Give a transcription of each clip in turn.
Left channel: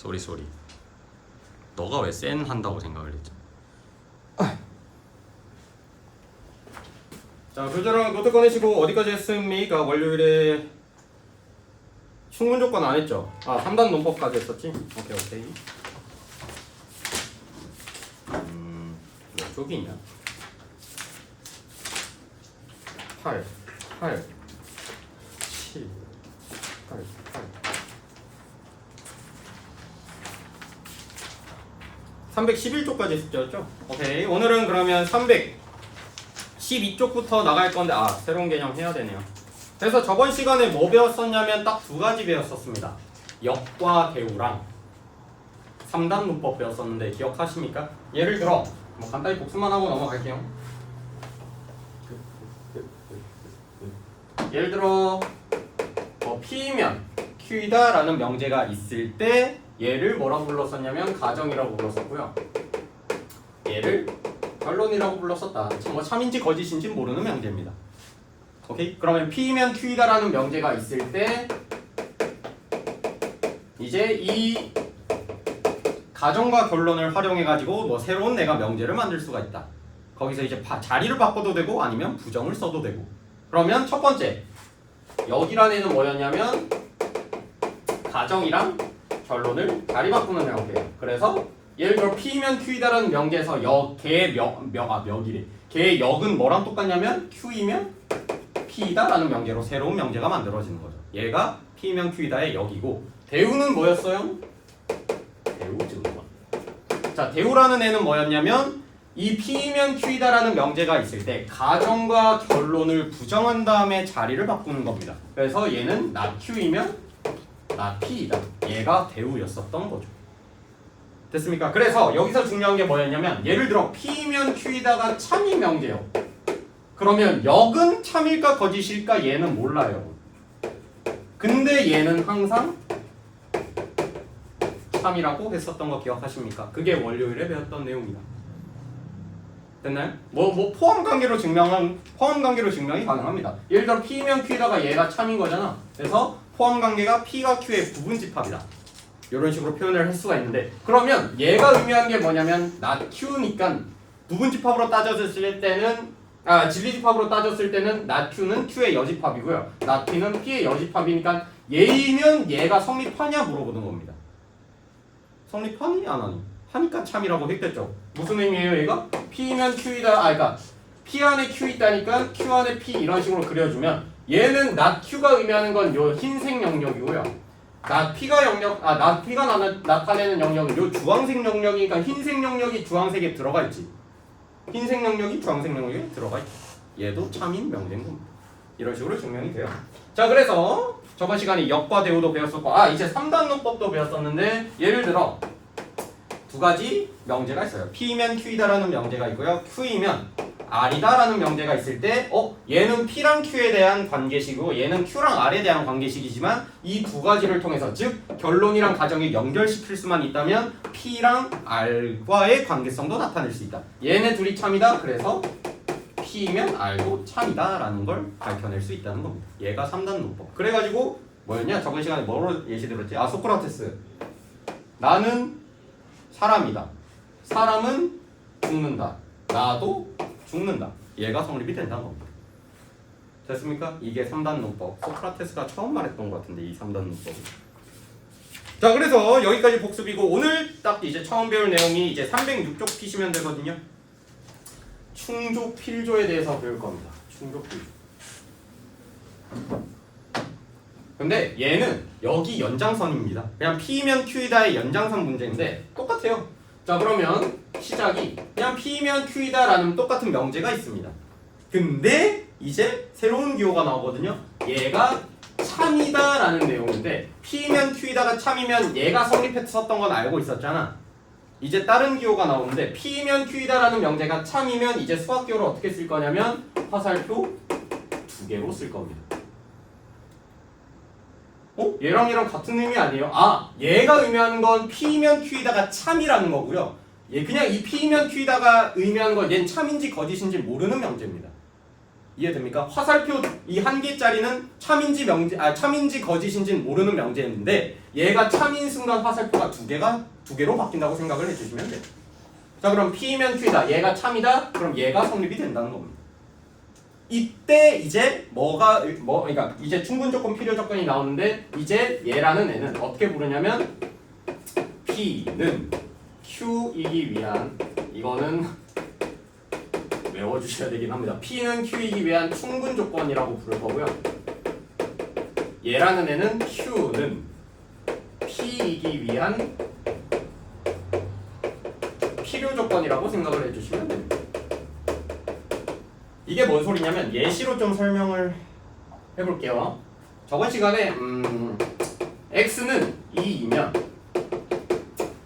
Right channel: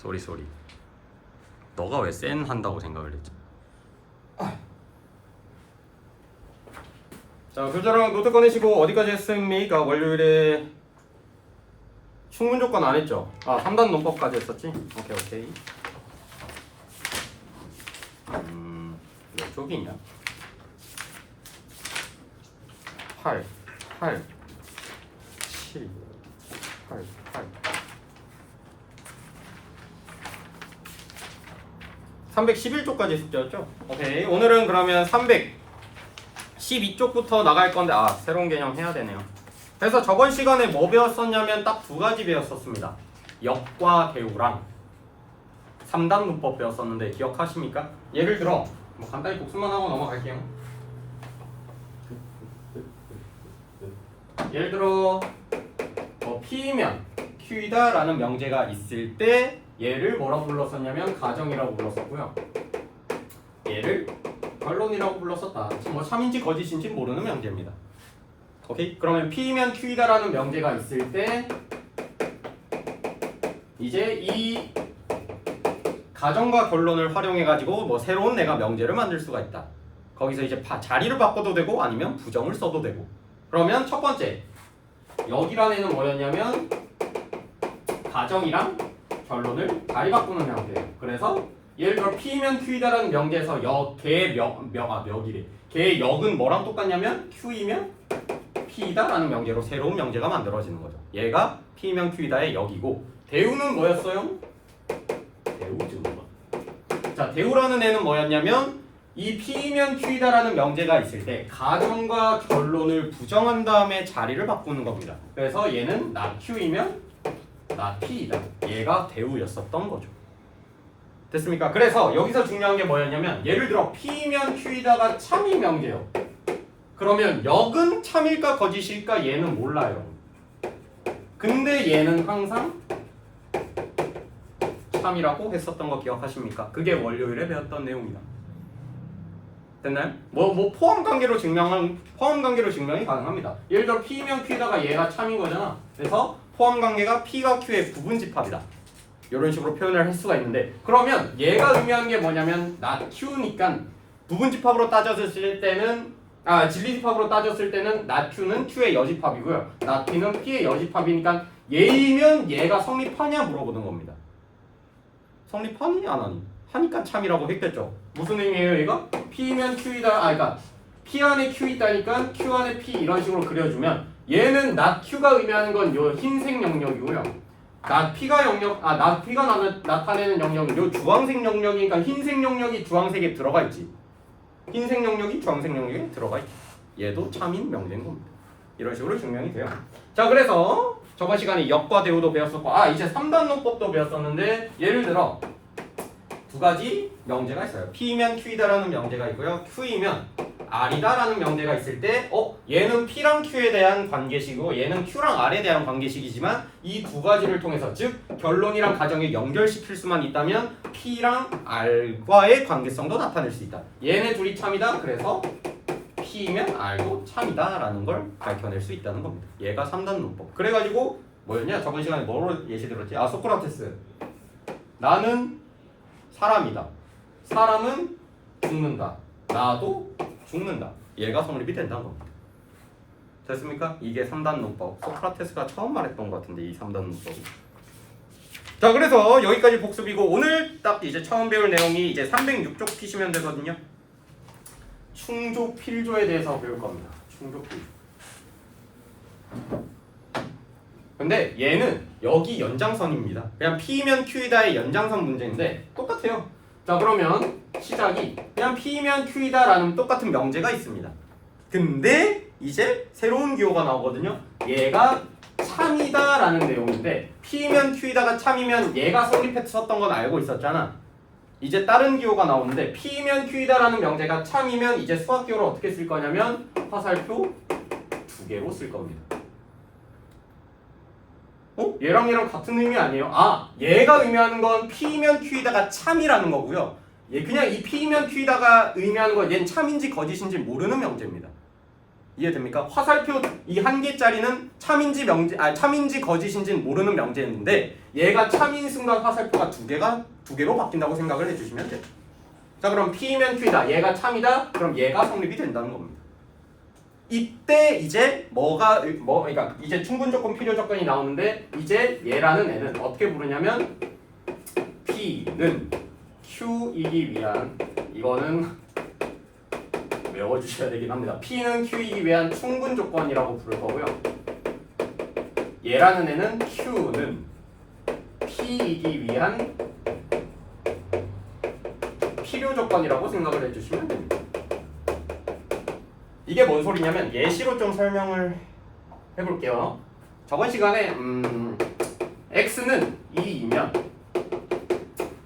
쏘리. 너가 왜 센 한다고 생각을 했지? 자, 교재랑 노트 꺼내시고 어디까지 했습니까? 월요일에 충분 조건 안 했죠? 아, 3단 논법까지 했었지? 오케이. 몇 쪽이냐? 8, 7, 8. 311쪽까지 숙제였죠? 오케이. 오늘은 그러면 312쪽부터 나갈 건데, 새로운 개념 해야 되네요. 그래서 저번 시간에 뭐 배웠었냐면 딱 두 가지 배웠었습니다. 역과 대우랑 3단 문법 배웠었는데 기억하십니까? 예를 들어 뭐 간단히 복습만 하고 넘어갈게요. 예를 들어 P면 Q이다 라는 명제가 있을 때 얘를 뭐라고 불렀었냐면 가정이라고 불렀었고요. 얘를 결론이라고 불렀었다. 뭐 참인지 거짓인지 모르는 명제입니다. 오케이? 그러면 P면 Q이다 라는 명제가 있을 때 이제 이 가정과 결론을 활용해 가지고 뭐 새로운 내가 명제를 만들 수가 있다. 거기서 이제 자리를 바꿔도 되고 아니면 부정을 써도 되고. 그러면 첫 번째 여기란 애는 뭐였냐면 가정이랑 결론을 자리 바꾸는 형태예요. 그래서 예를 들어 P면 Q이다라는 명제에서 걔의 역은 뭐랑 똑같냐면 Q이면 P이다라는 명제로 새로운 명제가 만들어지는 거죠. 얘가 P면 Q이다의 역이고 대우는 뭐였어요? 대우 증거. 자, 대우라는 애는 뭐였냐면 이 P면 Q이다라는 명제가 있을 때 가정과 결론을 부정한 다음에 자리를 바꾸는 겁니다. 그래서 얘는 not Q이면 not P이다. 얘가 대우였었던 거죠. 됐습니까? 그래서 여기서 중요한 게 뭐였냐면 예를 들어 P면 Q이다가 참인 명제요. 그러면 역은 참일까 거짓일까 얘는 몰라요. 근데 얘는 항상 참이라고 했었던 거 기억하십니까? 그게 월요일에 배웠던 내용이다. 됐나요? 포함 관계로 증명이 가능합니다. 예를 들어 P면 Q다가 얘가 참인 거잖아. 그래서 포함 관계가 P가 Q의 부분 집합이다. 이런 식으로 표현을 할 수가 있는데 그러면 얘가 의미하는 게 뭐냐면 not Q니까 부분 집합으로 따졌을 때는 진리 집합으로 따졌을 때는 not Q는 Q의 여집합이고요. not P는 P의 여집합이니까 얘이면 얘가 성립하냐 물어보는 겁니다. 성립하니 안 하니? 하니까 참이라고 했겠죠. 무슨 의미예요 얘가? P면 Q이다. 그러니까 P 안에 Q 있다니까 Q 안에 P 이런 식으로 그려주면 얘는 not Q가 의미하는 건 요 흰색 영역이고요. not P가 나타내는 영역은 요 주황색 영역이니까 흰색 영역이 주황색에 들어가 있지. 흰색 영역이 주황색 영역에 들어가 있지. 얘도 참인 명제인 겁니다. 이런 식으로 증명이 돼요. 자, 그래서 저번 시간에 역과 대우도 배웠었고 이제 3단 논법도 배웠었는데 예를 들어 두 가지 명제가 있어요. P면 Q이다라는 명제가 있고요. Q이면 R이다라는 명제가 있을 때 얘는 P랑 Q에 대한 관계식이고 얘는 Q랑 R에 대한 관계식이지만 이 두 가지를 통해서 즉 결론이랑 가정에 연결시킬 수만 있다면 P랑 R과의 관계성도 나타낼 수 있다. 얘네 둘이 참이다. 그래서 P면 R도 참이다 라는 걸 밝혀낼 수 있다는 겁니다. 얘가 3단 논법. 그래가지고 뭐였냐? 저번 시간에 뭐로 예시 들었지? 소크라테스. 나는 사람이다. 사람은 죽는다. 나도 죽는다. 얘가 성립이 된다는 겁니다. 됐습니까? 이게 3단 논법. 소크라테스가 처음 말했던 것 같은데 이 3단 논법이. 자, 그래서 여기까지 복습이고 오늘 딱 이제 처음 배울 내용이 이제 306쪽 피시면 되거든요. 충조 필조에 대해서 배울 겁니다. 충조 필조. 근데 얘는 여기 연장선입니다. 그냥 P면 Q이다의 연장선 문제인데 똑같아요. 자, 그러면 시작이 그냥 P면 Q이다라는 똑같은 명제가 있습니다. 근데 이제 새로운 기호가 나오거든요. 얘가 참이다라는 내용인데 P면 Q이다가 참이면 얘가 성립했었던 건 알고 있었잖아. 이제 다른 기호가 나오는데 P면 Q이다라는 명제가 참이면 이제 수학 기호를 어떻게 쓸 거냐면 화살표 2개로 쓸 겁니다. 얘랑 같은 의미 아니에요? 얘가 의미하는 건 P면 Q이다가 참이라는 거고요. 그냥 이 P면 Q이다가 의미하는 건 얘는 참인지 거짓인지 모르는 명제입니다. 이해됩니까? 화살표 이 한 개짜리는 참인지 명제 참인지 거짓인지는 모르는 명제였는데 얘가 참인 순간 화살표가 두 개로 바뀐다고 생각을 해주시면 돼요. 자 그럼 P면 Q이다. 얘가 참이다. 그럼 얘가 성립이 된다는 겁니다. 이때 이제 그러니까 이제 충분 조건 필요 조건이 나오는데 이제 얘라는 애는 어떻게 부르냐면 P는 Q이기 위한 이거는 외워주셔야 되긴 합니다. P는 Q이기 위한 충분 조건이라고 부를 거고요. 얘라는 애는 Q는 P이기 위한 필요 조건이라고 생각을 해주시면 됩니다. 이게 뭔 소리냐면 예시로 좀 설명을 해볼게요. 저번 시간에 x는 2이면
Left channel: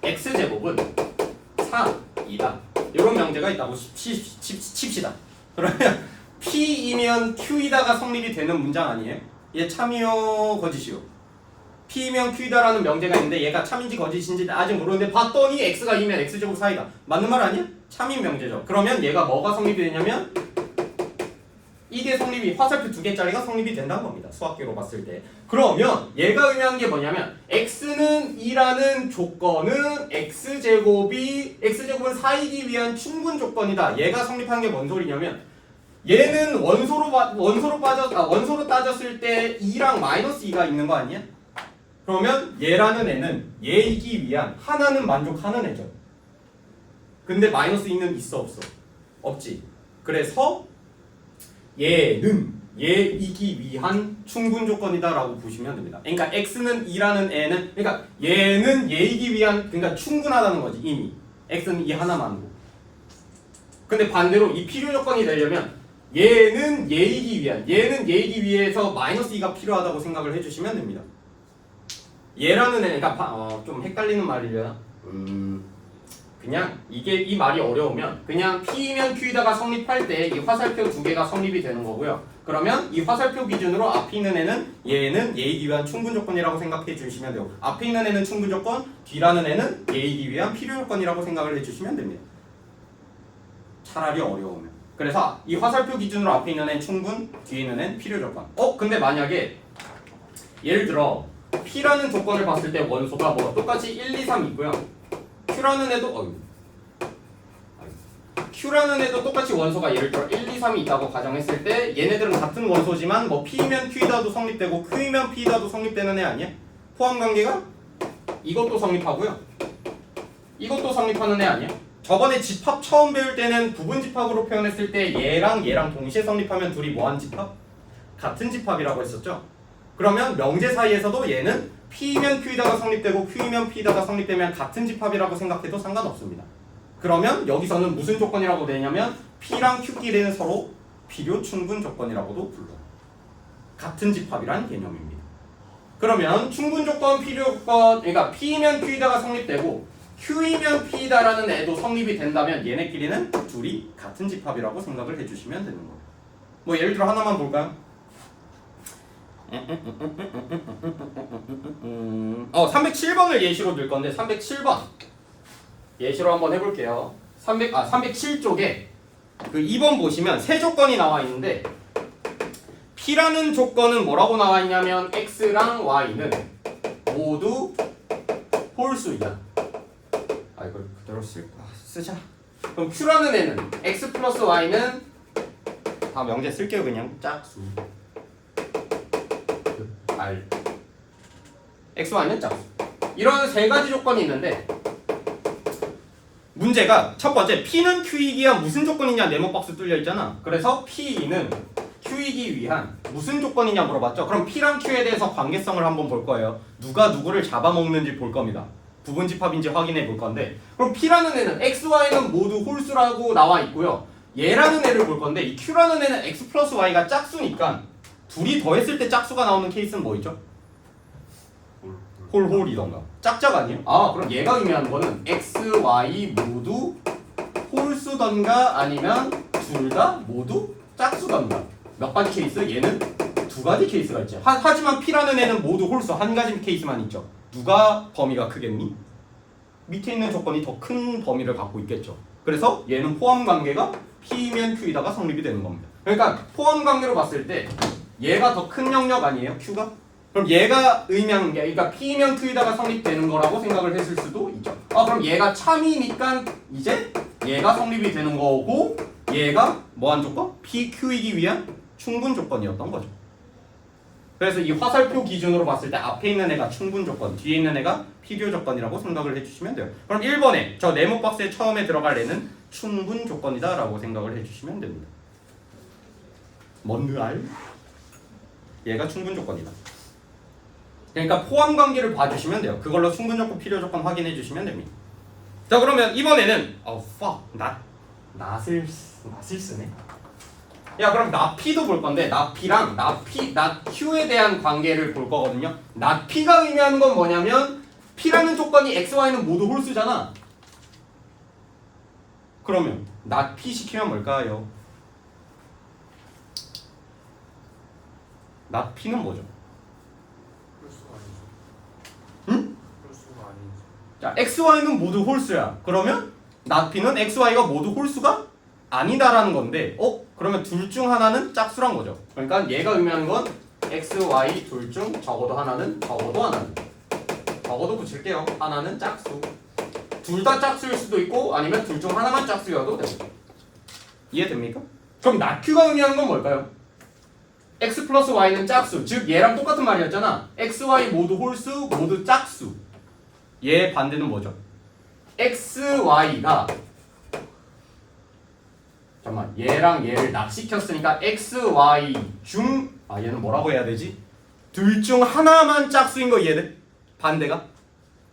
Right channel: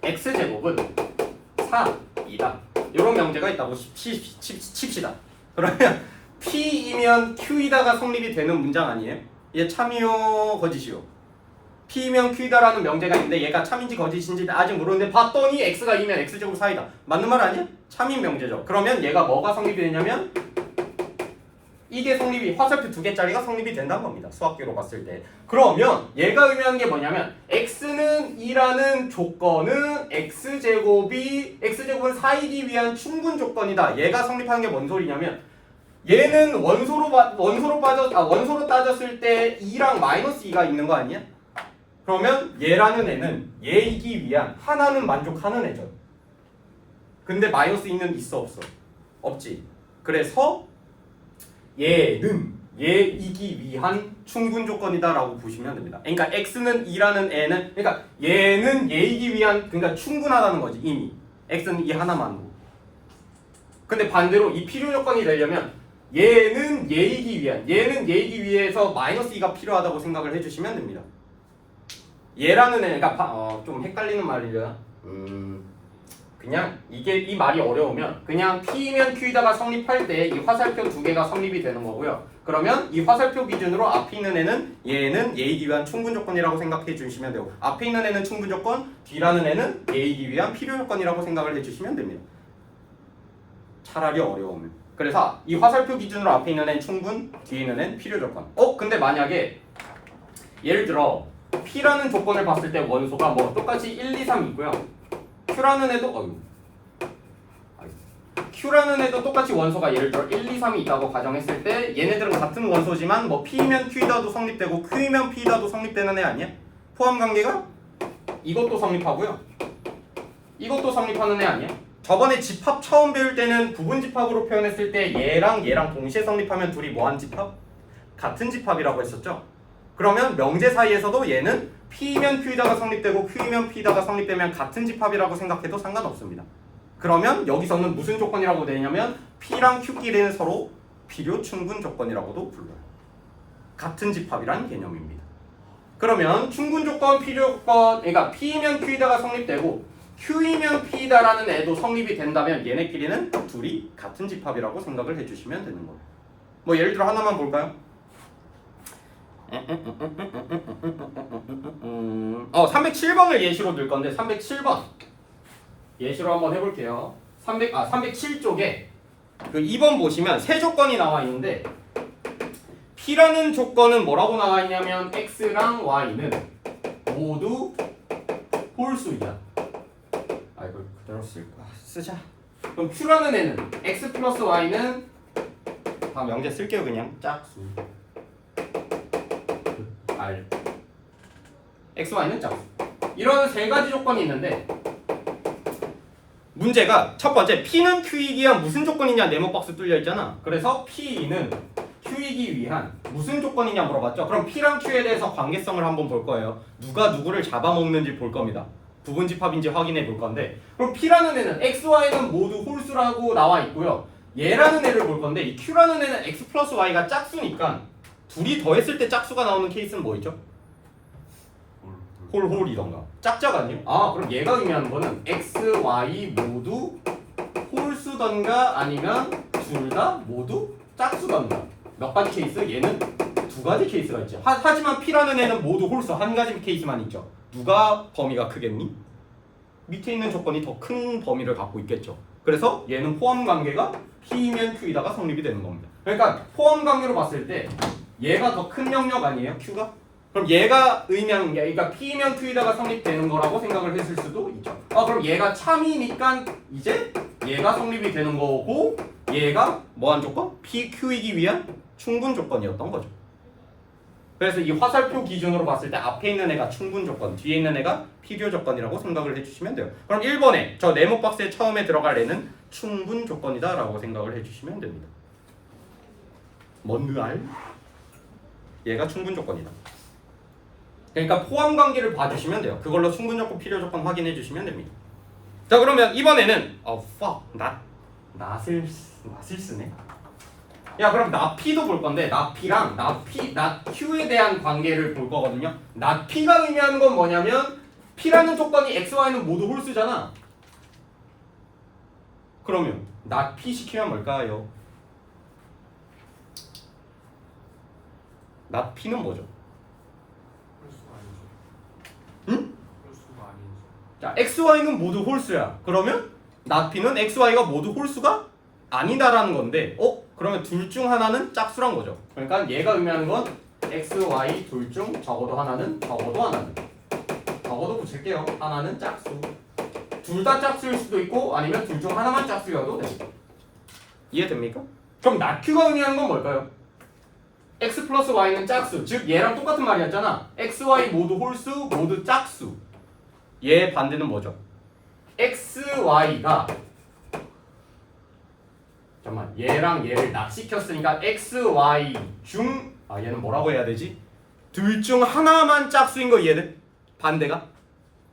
x제곱은 4이다. 이런 명제가 있다고 칩시다. 그러면 P이면 Q이다가 성립이 되는 문장 아니에요? 얘 참이요 거짓이요? P면 Q이다라는 명제가 있는데 얘가 참인지 거짓인지 아직 모르는데 봤더니 x가 2면 x제곱 4이다. 맞는 말 아니야? 참인 명제죠. 그러면 얘가 뭐가 성립이 되냐면 이게 성립이 화살표 두 개짜리가 성립이 된다는 겁니다. 수학계로 봤을 때. 그러면 얘가 의미하는 게 뭐냐면 x는 2라는 조건은 x제곱은 4이기 위한 충분 조건이다. 얘가 성립하는 게 뭔 소리냐면 얘는 원소로 따졌을 때 2랑 마이너스 2가 있는 거 아니야? 그러면 얘라는 애는 얘이기 위한 하나는 만족하는 애죠. 근데 마이너스 2는 있어 없어? 없지. 그래서 얘는 얘이기 위한 충분 조건이다라고 보시면 됩니다. 그러니까 x는 2라는 애는 그러니까 얘는 얘이기 위한 그러니까 충분하다는 거지 이미. x는 이 하나만으로. 근데 반대로 이 필요 조건이 되려면 얘는 얘이기 위해서 마이너스 2가 필요하다고 생각을 해주시면 됩니다. 얘라는 애 그러니까 좀 헷갈리는 말이려. 그냥 이 말이 어려우면 그냥 P면 Q이다가 성립할 때 이 화살표 두 개가 성립이 되는 거고요. 그러면 이 화살표 기준으로 앞에 있는 애는 얘는 얘이기 위한 충분 조건이라고 생각해 주시면 되고 앞에 있는 애는 충분 조건, 뒤라는 애는 얘이기 위한 필요 조건이라고 생각을 해주시면 됩니다. 차라리 어려우면. 그래서 이 화살표 기준으로 앞에 있는 애는 충분, 뒤에 있는 애는 필요 조건. 근데 만약에 예를 들어 P라는 조건을 봤을 때 원소가 뭐 똑같이 1, 2, 3 있고요. Q라는 애도 똑같이 원소가 예를 들어 1, 2, 3이 있다고 가정했을 때 얘네들은 같은 원소지만 뭐 P면 Q이다도 성립되고 Q면 P이다도 성립되는 애 아니야? 포함 관계가 이것도 성립하고요. 이것도 성립하는 애 아니야? 저번에 집합 처음 배울 때는 부분 집합으로 표현했을 때 얘랑 동시에 성립하면 둘이 뭐한 집합? 같은 집합이라고 했었죠. 그러면 명제 사이에서도 얘는 P면 Q이다가 성립되고 Q면 P이다가 성립되면 같은 집합이라고 생각해도 상관없습니다. 그러면 여기서는 무슨 조건이라고 되냐면 P랑 Q끼리는 서로 필요 충분 조건이라고도 불러요. 같은 집합이란 개념입니다. 그러면 충분 조건, 필요 조건, 그러니까 P면 Q이다가 성립되고 Q이면 P이다라는 애도 성립이 된다면 얘네끼리는 둘이 같은 집합이라고 생각을 해주시면 되는 거예요. 뭐 예를 들어 하나만 볼까요? 307번을 예시로 들 건데 307번 예시로 한번 해볼게요. 307쪽에 그 2번 보시면 세 조건이 나와 있는데 P라는 조건은 뭐라고 나와 있냐면 X랑 Y는 모두 홀수이다. 이걸 그대로 쓰자. 그럼 Q라는 애는 X 플러스 Y는 다 명제 쓸게요. 그냥 짝수 R X, Y는 짝수. 이런 세 가지 조건이 있는데 문제가 첫 번째 P는 Q이기 위한 무슨 조건이냐 네모 박스 뚫려 있잖아. 그래서 P는 Q이기 위한 무슨 조건이냐 물어봤죠. 그럼 P랑 Q에 대해서 관계성을 한번 볼 거예요. 누가 누구를 잡아먹는지 볼 겁니다. 부분 집합인지 확인해 볼 건데 그럼 P라는 애는 X, Y는 모두 홀수라고 나와 있고요. 얘라는 애를 볼 건데 이 Q라는 애는 X 플러스 Y가 짝수니까 둘이 더했을 때 짝수가 나오는 케이스는 뭐있죠? 홀이던가 짝짝 아니에요? 그럼 얘가 의미하는 거는 X, Y 모두 홀수던가 아니면 둘 다 모두 짝수던가. 몇 가지 케이스? 얘는 두 가지 케이스가 있죠. 하지만 P라는 애는 모두 홀수 한 가지 케이스만 있죠. 누가 범위가 크겠니? 밑에 있는 조건이 더 큰 범위를 갖고 있겠죠. 그래서 얘는 포함 관계가 P면 Q이다가 성립이 되는 겁니다. 그러니까 포함 관계로 봤을 때 얘가 더 큰 영역 아니에요? Q가? 그럼 얘가 의미하는 게 그러니까 P면 Q에다가 성립되는 거라고 생각을 했을 수도 있죠. 그럼 얘가 참이니까 이제 얘가 성립이 되는 거고 얘가 뭐한 조건? PQ이기 위한 충분 조건이었던 거죠. 그래서 이 화살표 기준으로 봤을 때 앞에 있는 애가 충분 조건, 뒤에 있는 애가 필요 조건이라고 생각을 해주시면 돼요. 그럼 1번에 저 네모 박스에 처음에 들어갈 애는 충분 조건이다 라고 생각을 해주시면 됩니다. 뭔드 알? 얘가 충분 조건이다. 그러니까 포함 관계를 봐주시면 돼요. 그걸로 충분 조건, 필요 조건 확인해 주시면 됩니다. 자 그러면 이번에는 낫을 쓰네. 야 그럼 낫P도 볼 건데 낫P랑 낫Q에 대한 관계를 볼 거거든요. 낫P가 의미하는 건 뭐냐면 P라는 조건이 X, Y는 모두 홀수잖아. 그러면 낫P 시키면 뭘까요? 낫P는 뭐죠? 응? 자, X, Y는 모두 홀수야. 그러면 낫P는 X, Y가 모두 홀수가 아니다라는 건데, 그러면 둘 중 하나는 짝수란 거죠. 그러니까 얘가 의미하는 건 X, Y 둘 중 적어도 하나는 적어도 붙일게요. 하나는 짝수. 둘 다 짝수일 수도 있고 아니면 둘 중 하나만 짝수여도 되고. 이해됩니까? 그럼 낫Q가 의미하는 건 뭘까요? X 플러스 Y는 짝수. 즉 얘랑 똑같은 말이었잖아. X, Y 모두 홀수, 모두 짝수. 얘 반대는 뭐죠? X, Y가 잠깐만 얘랑 얘를 납시켰으니까 X, Y 중 얘는 뭐라고 해야 되지? 둘 중 하나만 짝수인 거 이해돼? 반대가?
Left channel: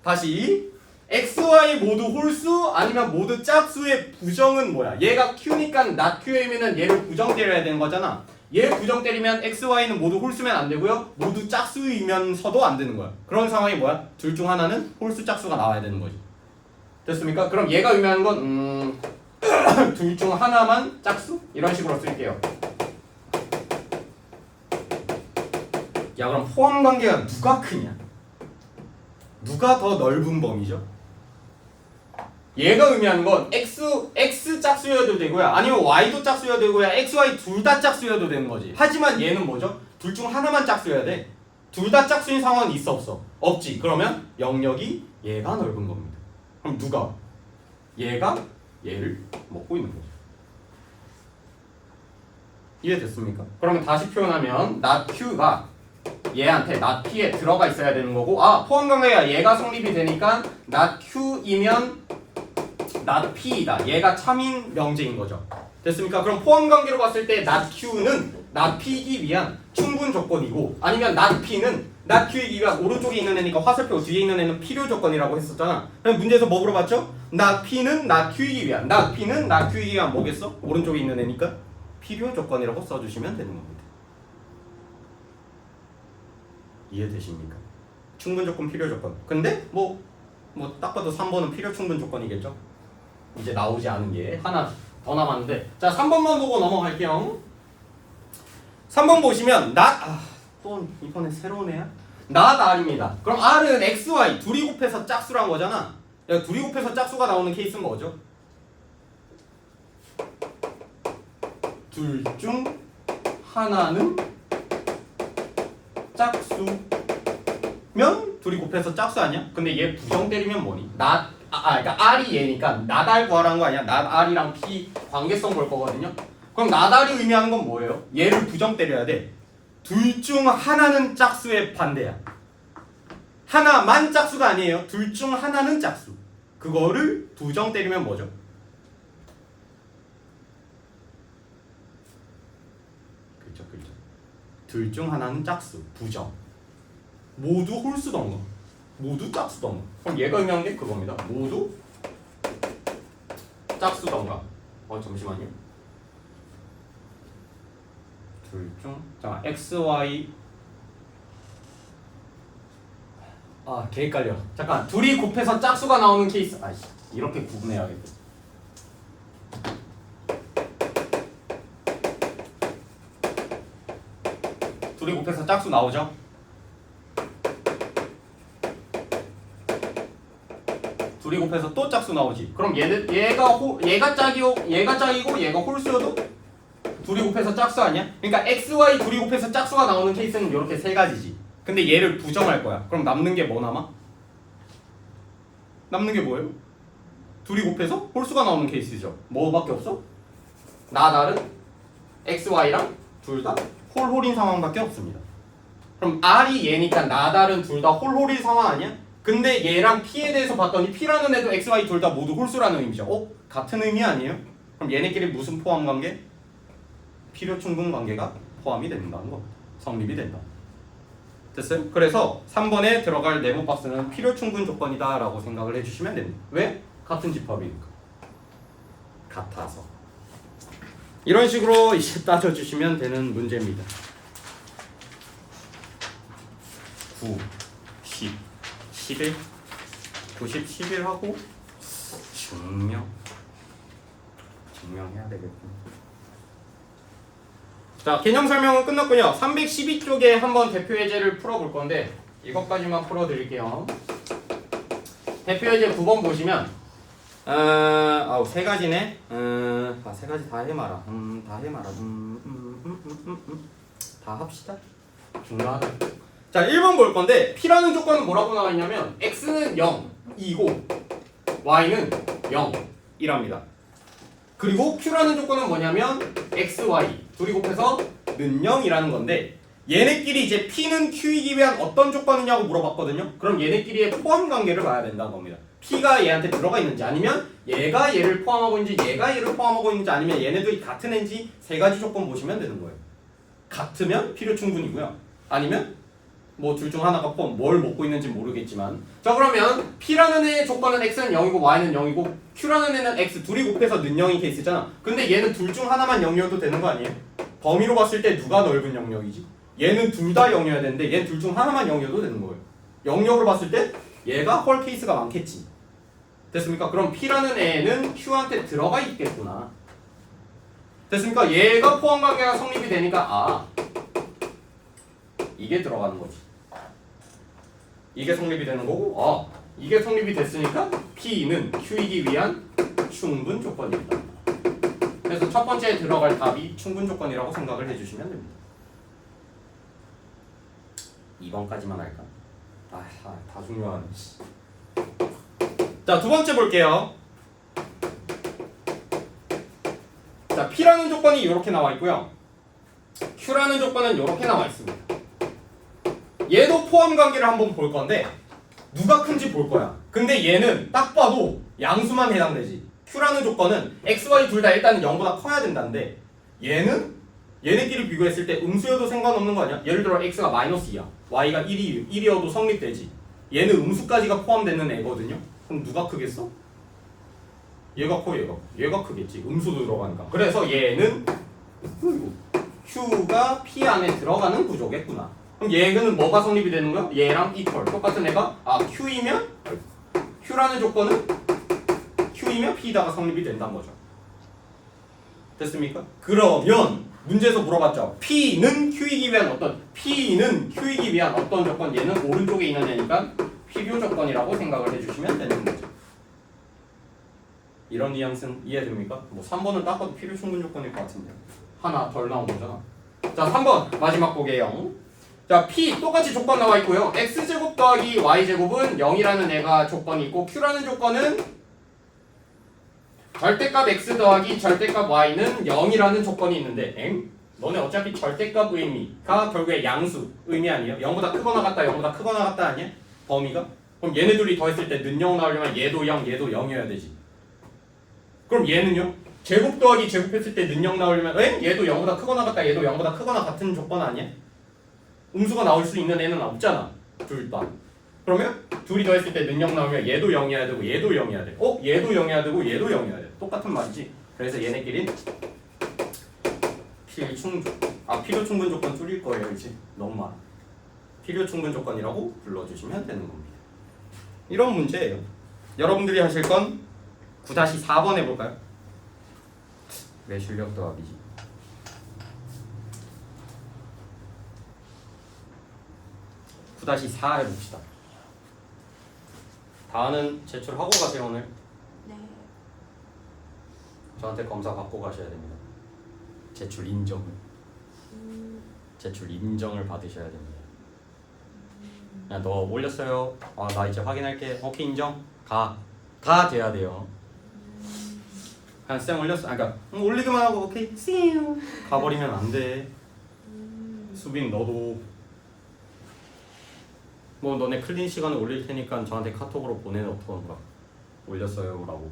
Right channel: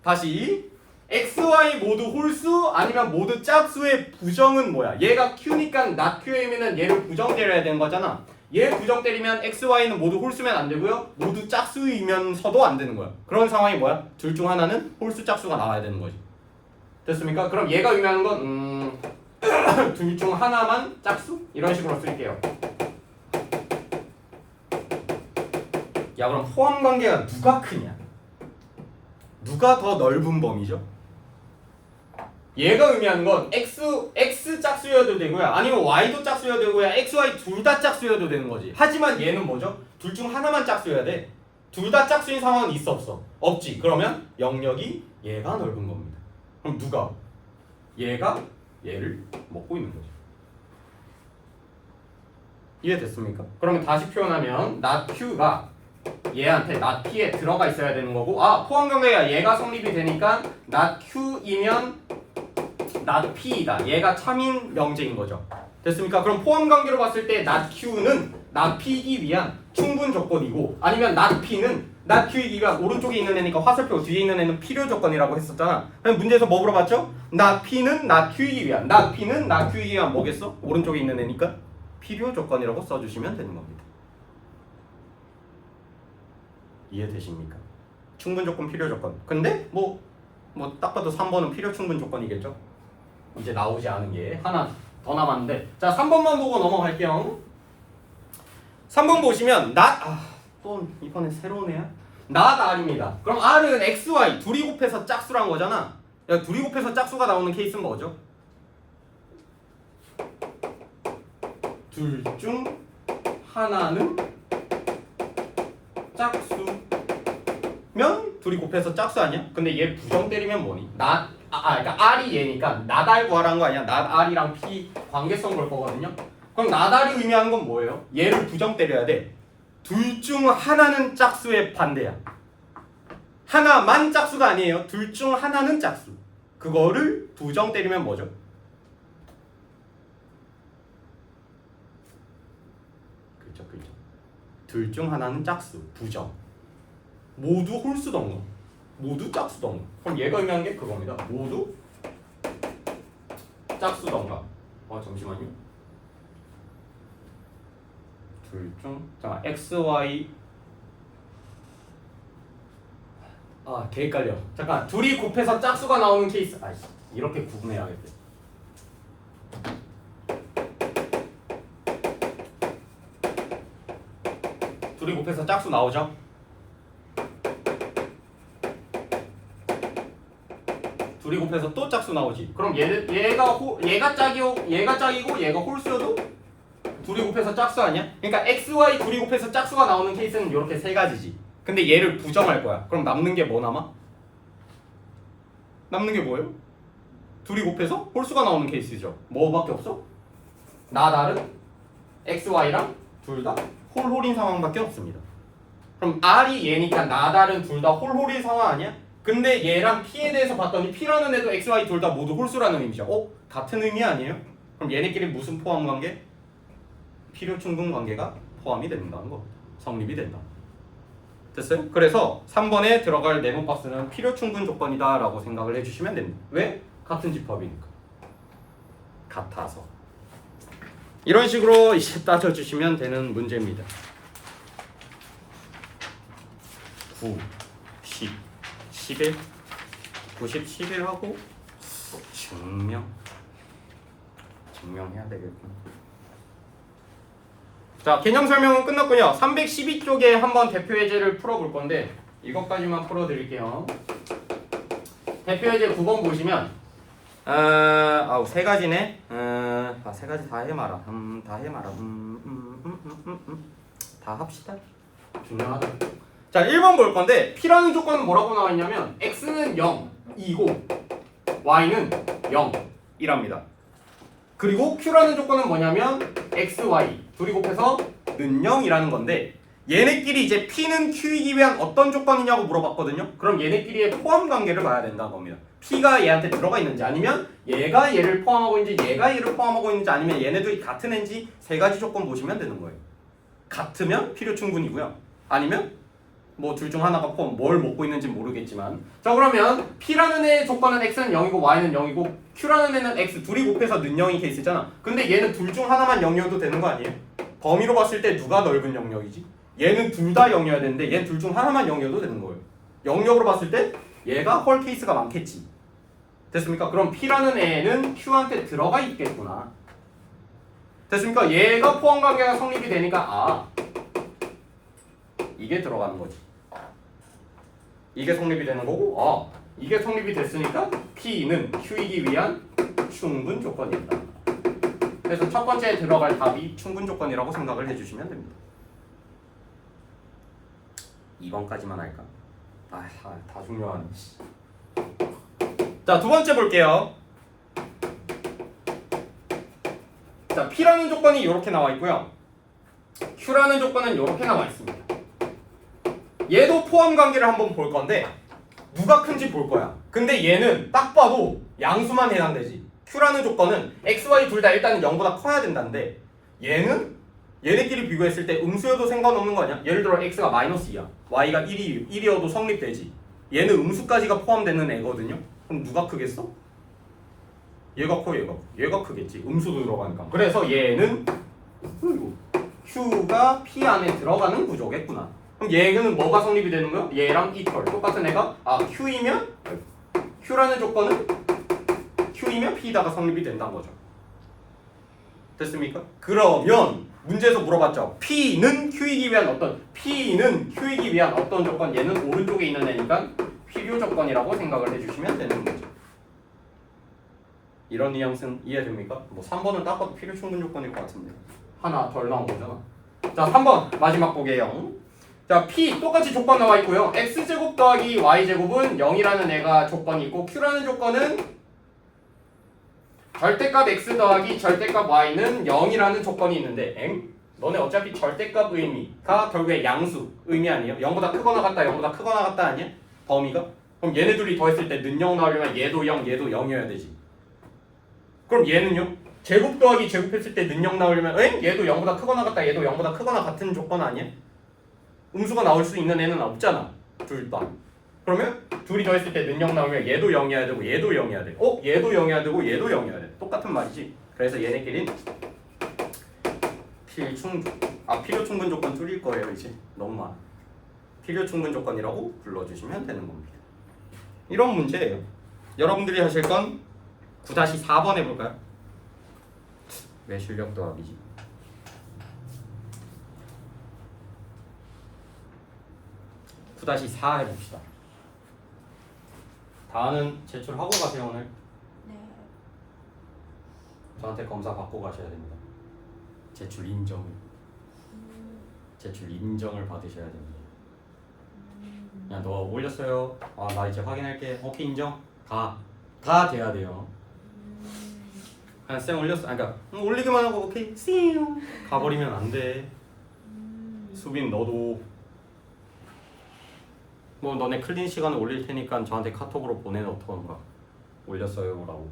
다시 X, Y 모두 홀수 아니면 모두 짝수의 부정은 뭐야? 얘가 Q니까 not Q이면은 얘를 부정 때려야 되는 거잖아. 얘 부정 때리면 X, Y는 모두 홀수면 안 되고요. 모두 짝수이면서도 안 되는 거야. 그런 상황이 뭐야? 둘 중 하나는 홀수 짝수가 나와야 되는 거지. 됐습니까? 그럼 얘가 의미하는 건 둘 중 하나만 짝수? 이런 식으로 쓸게요. 야 그럼 포함 관계가 누가 크냐? 누가 더 넓은 범위죠? 얘가 의미하는 건 X 짝수여도 되고요. 아니면 Y도 짝수여도 되고요. X, Y 둘 다 짝수여도 되는 거지. 하지만 얘는 뭐죠? 둘 중 하나만 짝수여야 돼. 둘 다 짝수인 상황은 있어 없어? 없지. 그러면 영역이 얘가 넓은 겁니다. 그럼 누가? 얘가 얘를 먹고 있는 거죠. 이해됐습니까? 그러면 다시 표현하면 not Q가 얘한테 not P에 들어가 있어야 되는 거고 포함 관계가 얘가 성립이 되니까 not Q이면 not P이다. 얘가 참인 명제인 거죠. 됐습니까? 그럼 포함 관계로 봤을 때 not Q는 not P이기 위한 충분 조건이고 아니면 not P는 not Q이기 위한 오른쪽에 있는 애니까 화살표 뒤에 있는 애는 필요 조건이라고 했었잖아. 그럼 문제에서 뭐 물어봤죠? not P는 not Q이기 위한 not P는 not Q이기 위한 뭐겠어? 오른쪽에 있는 애니까 필요 조건이라고 써주시면 되는 겁니다. 이해되십니까? 충분 조건, 필요 조건. 근데 딱 봐도 3번은 필요 충분 조건이겠죠? 이제 나오지 않은 게 하나 더 남았는데 자 3번만 보고 넘어갈게요. 3번 보시면 또 이번에 새로운 애야? not R입니다. 그럼 R은 X, Y 둘이 곱해서 짝수란 거잖아. 야 둘이 곱해서 짝수가 나오는 케이스는 뭐죠? 둘 중 하나는 짝수면 둘이 곱해서 짝수 아니야? 근데 얘 부정 때리면 뭐니? 그러니까 R이 얘니까 not R 구하라는 거 아니야? not R이랑 P 관계성 볼 거거든요. 그럼 not R이 의미하는 건 뭐예요? 얘를 부정 때려야 돼. 둘 중 하나는 짝수의 반대야. 하나만 짝수가 아니에요. 둘 중 하나는 짝수. 그거를 부정 때리면 뭐죠? 그렇죠. 둘 중 하나는 짝수, 부정. 모두 홀수던가 모두 짝수던가. 그럼 얘가 의미하는 게 그겁니다. 모두 짝수던가. 잠시만요. 둘 중 X, Y 개 헷갈려. 잠깐 둘이 곱해서 짝수가 나오는 케이스. 이렇게 구분해야겠다. 둘이 곱해서 짝수 나오죠? 둘이 곱해서 또 짝수 나오지. 그럼 얘가 짝이고 얘가 홀수여도 둘이 곱해서 짝수 아니야? 그러니까 XY 둘이 곱해서 짝수가 나오는 케이스는 이렇게 세 가지지. 근데 얘를 부정할 거야. 그럼 남는 게 뭐 남아? 남는 게 뭐예요? 둘이 곱해서 홀수가 나오는 케이스죠. 뭐밖에 없어? 나달은 XY랑 둘 다 홀홀인 상황밖에 없습니다. 그럼 R이 얘니까 나달은 둘 다 홀홀인 상황 아니야? 근데 얘랑 P에 대해서 봤더니 P라는 애도 XY 둘 다 모두 홀수라는 의미죠. 같은 의미 아니에요? 그럼 얘네끼리 무슨 포함 관계? 필요 충분 관계가 포함이 된다는 거. 성립이 된다. 됐어요? 그래서 3번에 들어갈 네모 박스는 필요 충분 조건이다 라고 생각을 해주시면 됩니다. 왜? 같은 집합이니까. 같아서. 이런 식으로 이제 따져주시면 되는 문제입니다. 9, 10, 11, 90, 11 하고 증명해야 되겠군. 자, 개념 설명은 끝났군요. 312쪽에 한번 대표 예제를 풀어볼 건데 이것까지만 풀어드릴게요. 대표 예제 9번 보시면 세 가지네. 세 가지 다 해마라. 다 합시다. 중요하다. 자, 1번 볼 건데 P라는 조건은 뭐라고 나와 있냐면 X는 0이고 Y는 0이랍니다. 그리고 Q라는 조건은 뭐냐면 XY 둘이 곱해서 는 0이라는 건데 얘네끼리 이제 P는 Q이기 위한 어떤 조건이냐고 물어봤거든요. 그럼 얘네끼리의 포함 관계를 봐야 된다는 겁니다. P가 얘한테 들어가 있는지 아니면 얘가 얘를 포함하고 있는지 얘가 얘를 포함하고 있는지 아니면 얘네들이 같은 애인지 세 가지 조건 보시면 되는 거예요. 같으면 필요 충분이고요. 아니면 뭐 둘 중 하나가 포함 뭘 먹고 있는지 모르겠지만 자 그러면 P라는 애의 조건은 X는 0이고 Y는 0이고 Q라는 애는 X 둘이 곱해서 는 0인 케이스잖아. 근데 얘는 둘 중 하나만 0이어도 되는 거 아니에요? 범위로 봤을 때 누가 넓은 영역이지? 얘는 둘 다 0이어야 되는데 얘는 둘 중 하나만 0이어도 되는 거예요. 영역으로 봤을 때 얘가 헐 케이스가 많겠지. 됐습니까? 그럼 P라는 애는 Q한테 들어가 있겠구나. 됐습니까? 얘가 포함 관계가 성립이 되니까 이게 들어가는 거지. 이게 성립이 되는 거고 이게 성립이 됐으니까 P는 Q이기 위한 충분 조건이다. 그래서 첫 번째에 들어갈 답이 충분 조건이라고 생각을 해주시면 됩니다. 2번까지만 할까? 다 중요한. 자, 두 번째 볼게요. 자, P라는 조건이 이렇게 나와 있고요. Q라는 조건은 이렇게 나와 있습니다. 얘도 포함 관계를 한번 볼 건데 누가 큰지 볼 거야. 근데 얘는 딱 봐도 양수만 해당되지. Q라는 조건은 XY 둘 다 일단은 0보다 커야 된다는데 얘네끼리 비교했을 때 음수여도 상관없는 거 아니야? 예를 들어 X가 -2야. Y가 1이어도 성립되지. 얘는 음수까지가 포함되는 애거든요. 그럼 누가 크겠어? 얘가 커, 얘가 크겠지. 음수도 들어가니까. 그래서 얘는 Q가 P 안에 들어가는 구조겠구나. 그럼 얘는 뭐가 성립이 되는 거야? 얘랑 이퀄 똑같은 애가 Q이면 Q라는 조건은 Q이면 P다가 성립이 된다는 거죠. 됐습니까? 그러면 문제에서 물어봤죠. P는 Q이기 위한 어떤 조건. 얘는 오른쪽에 있는 애니까 필요 조건이라고 생각을 해주시면 되는 거죠. 이런 뉘앙스는 이해됩니까? 뭐 3번은 딱 봐도 필요 충분 조건일 것 같은데 하나 덜 나온 거잖아. 자, 3번 마지막 보게요. 자, P 똑같이 조건 나와 있고요. X제곱 더하기 Y제곱은 0이라는 애가 조건이 있고 Q라는 조건은 절대값 X 더하기 절대값 Y는 0이라는 조건이 있는데 너네 어차피 절대값 의미가 결국에 양수 의미 아니에요? 0보다 크거나 같다 0보다 크거나 같다 아니야? 범위가? 그럼 얘네 둘이 더했을 때 는 0 나오려면 얘도 0 얘도 0이어야 되지. 그럼 얘는요? 제곱 더하기 제곱했을 때 는 0 나오려면 얘도 0보다 크거나 같다 얘도 0보다 크거나 같은 조건 아니야? 음수가 나올 수 있는 애는 없잖아. 둘 다. 그러면 둘이 더했을 때 는 0 나오면 얘도 0이어야 되고 얘도 0이어야 돼. 얘도 0이어야 되고 얘도 0이어야 돼. 똑같은 말이지. 그래서 얘네끼리는 필요 충분 조건 줄일 거예요. 이제 너무 많아. 필요 충분 조건이라고 불러주시면 되는 겁니다. 이런 문제예요. 여러분들이 하실 건 9-4번 해볼까요? 왜 실력 더하기지? 9-4 해봅시다. 다는 제출하고 가세요 오늘. 네. 저한테 검사 받고 가셔야 됩니다. 제출 인정을 받으셔야 됩니다. 그냥 너 올렸어요. 아, 나 이제 확인할게. 오케이, 인정. 다 돼야 돼요. 그냥 쌤 올렸어. 아, 그러니까 올리기만 하고 오케이 씨용 가버리면 안 돼. 수빈 너도 뭐 너네 클린 시간에 올릴 테니까 저한테 카톡으로 보내놓던가. 올렸어요라고.